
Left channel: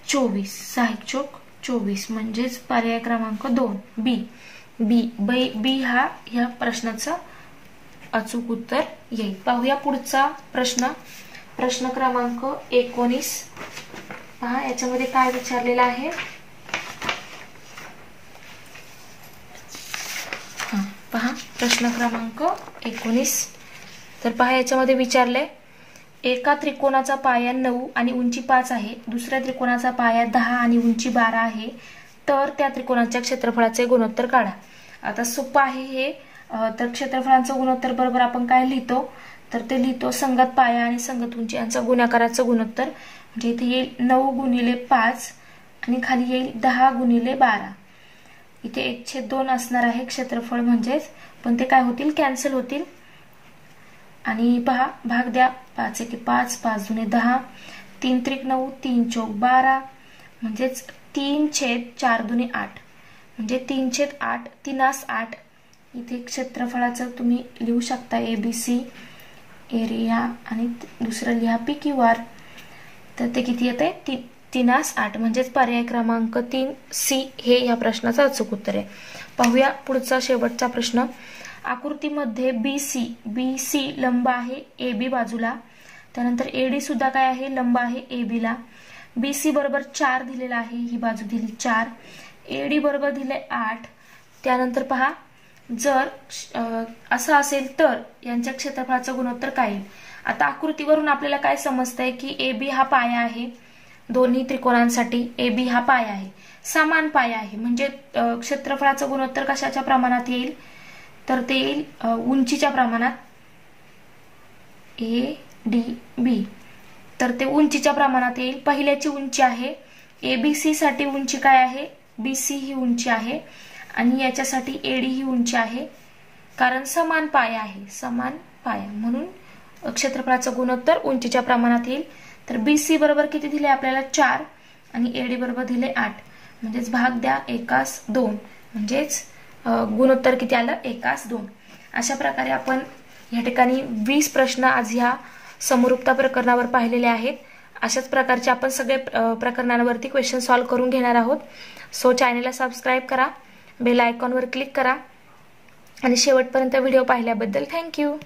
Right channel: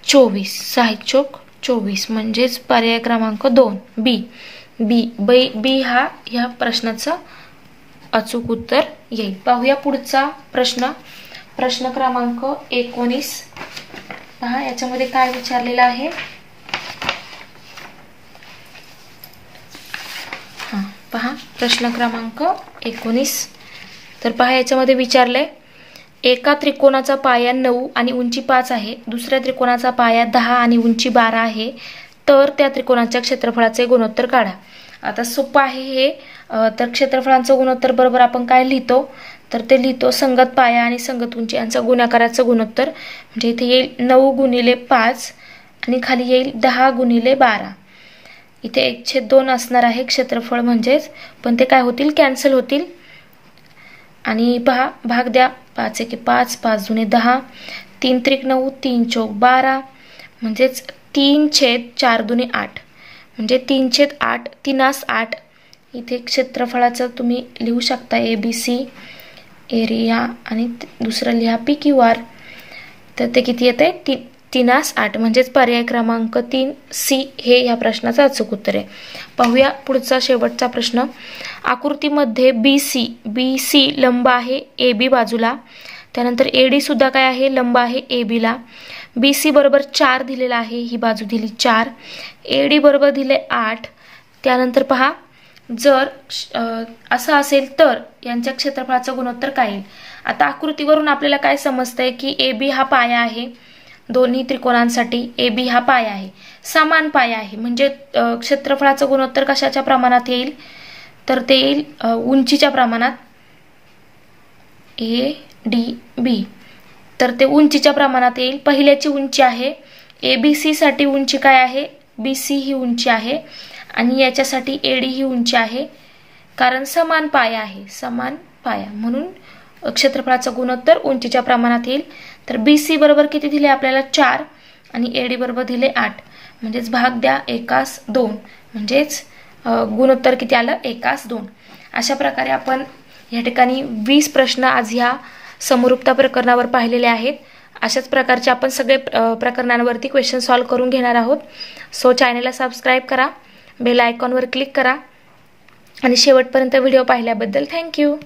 24. 6 चोक 24 म्हणजेच पर्याय क्रमांक 2 बी हा या प्रश्नाचं अचूक उत्तर येईल. पाहूया पुढचा प्रश्न. प्रश्न क्रमांक 19. पहा याच्यामध्ये काय विचारलेलं आहे. पहा प्रश्न क्रमांक 19. तर पहा याच्यामध्ये विचारलंय, एका त्रिकोणाचा पाया 9 आणि उंची 5 आहे, दुसऱ्या त्रिकोणाचा पाया 10 आणि उंची 12 आहे, तर त्या त्रिकोणाच्या क्षेत्रफळाचे गुणोत्तर काढा. आता सोपं आहे हे. तर क्षेत्रफळांचं गुणोत्तर बरोबर आपण काय लिहितो? तर ते लिहितो संगत पाया आणि संगत उंची यांचा गुणाकाराचं गुणोत्तर. म्हणजे इथे येईल 9 गुणिले 5 आणि खाली येईल 10 गुणिले 12. इथे 1/2 असणार आहे क्षेत्रफळ म्हणजेच, पण ते काय होतील? कॅन्सल होतील. आणि पहा भाग द्या. 5 एके 5, 5 दुणे 10, 3 त्रिक 9, 3 चौक 12, म्हणजेच 3/4 दुने 8, म्हणजे 3/8, 3/8. इथे क्षेत्रफळाचं तुम्ही लिहू शकता ABC एरिया आणि दुसरं लिहा PQR. तर ते किती येते 3/8, म्हणजेच पर्याय क्रमांक 3C हे या प्रश्नाचं अचूक उत्तर आहे. पाहूया पुढचा शेवटचा प्रश्न. आकृतीमध्ये BC लंब आहे AB बाजूला, त्यानंतर AD सुद्धा काय आहे लंब आहे AB ला. BC बरोबर 4 दिलेला आहे, ही बाजू दिली 4. AD बरोबर दिले 8. त्यानंतर पहा जर असं असेल तर यांच्या क्षेत्रफळाचं गुणोत्तर काय येईल. आता आकृतीवरून आपल्याला काय समजतंय की AB हा पाया आहे, दोन्ही त्रिकोणांसाठी AB हा पाया आहे, समान पाया आहे, म्हणजे क्षेत्रफळाचं गुणोत्तर कशाच्या प्रमाणात येईल तर ते येईल उंचीच्या प्रमाणात ADB. तर ते उंचीच्या प्रमाणात येईल. पहिल्याची उंची आहे ABC साठी उंची काय आहे BC ही उंची आहे आणि याच्यासाठी AD ही उंची आहे, कारण समान पाया आहे, समान पाया, म्हणून क्षेत्रफळाचं गुणोत्तर उंचीच्या प्रमाणात येईल. तर BC बरोबर किती दिले आपल्याला 4 आणि AD बरोबर दिले 8, म्हणजेच भाग द्या 1/2, म्हणजेच गुणोत्तर किती आलं 1/2. अशा प्रकारे आपण या ठिकाणी 20 प्रश्न आज ह्या समरूपता प्रकरणावर पाहिलेले आहेत. अशाच प्रकारचे आपण सगळे प्रकरणांवरती क्वेश्चन सॉल्व्ह करून घेणार आहोत. सो चॅनलला सबस्क्राईब करा, बेल आयकॉनवर क्लिक करा आणि शेवटपर्यंत व्हिडिओ पाहिल्याबद्दल थँक्यू.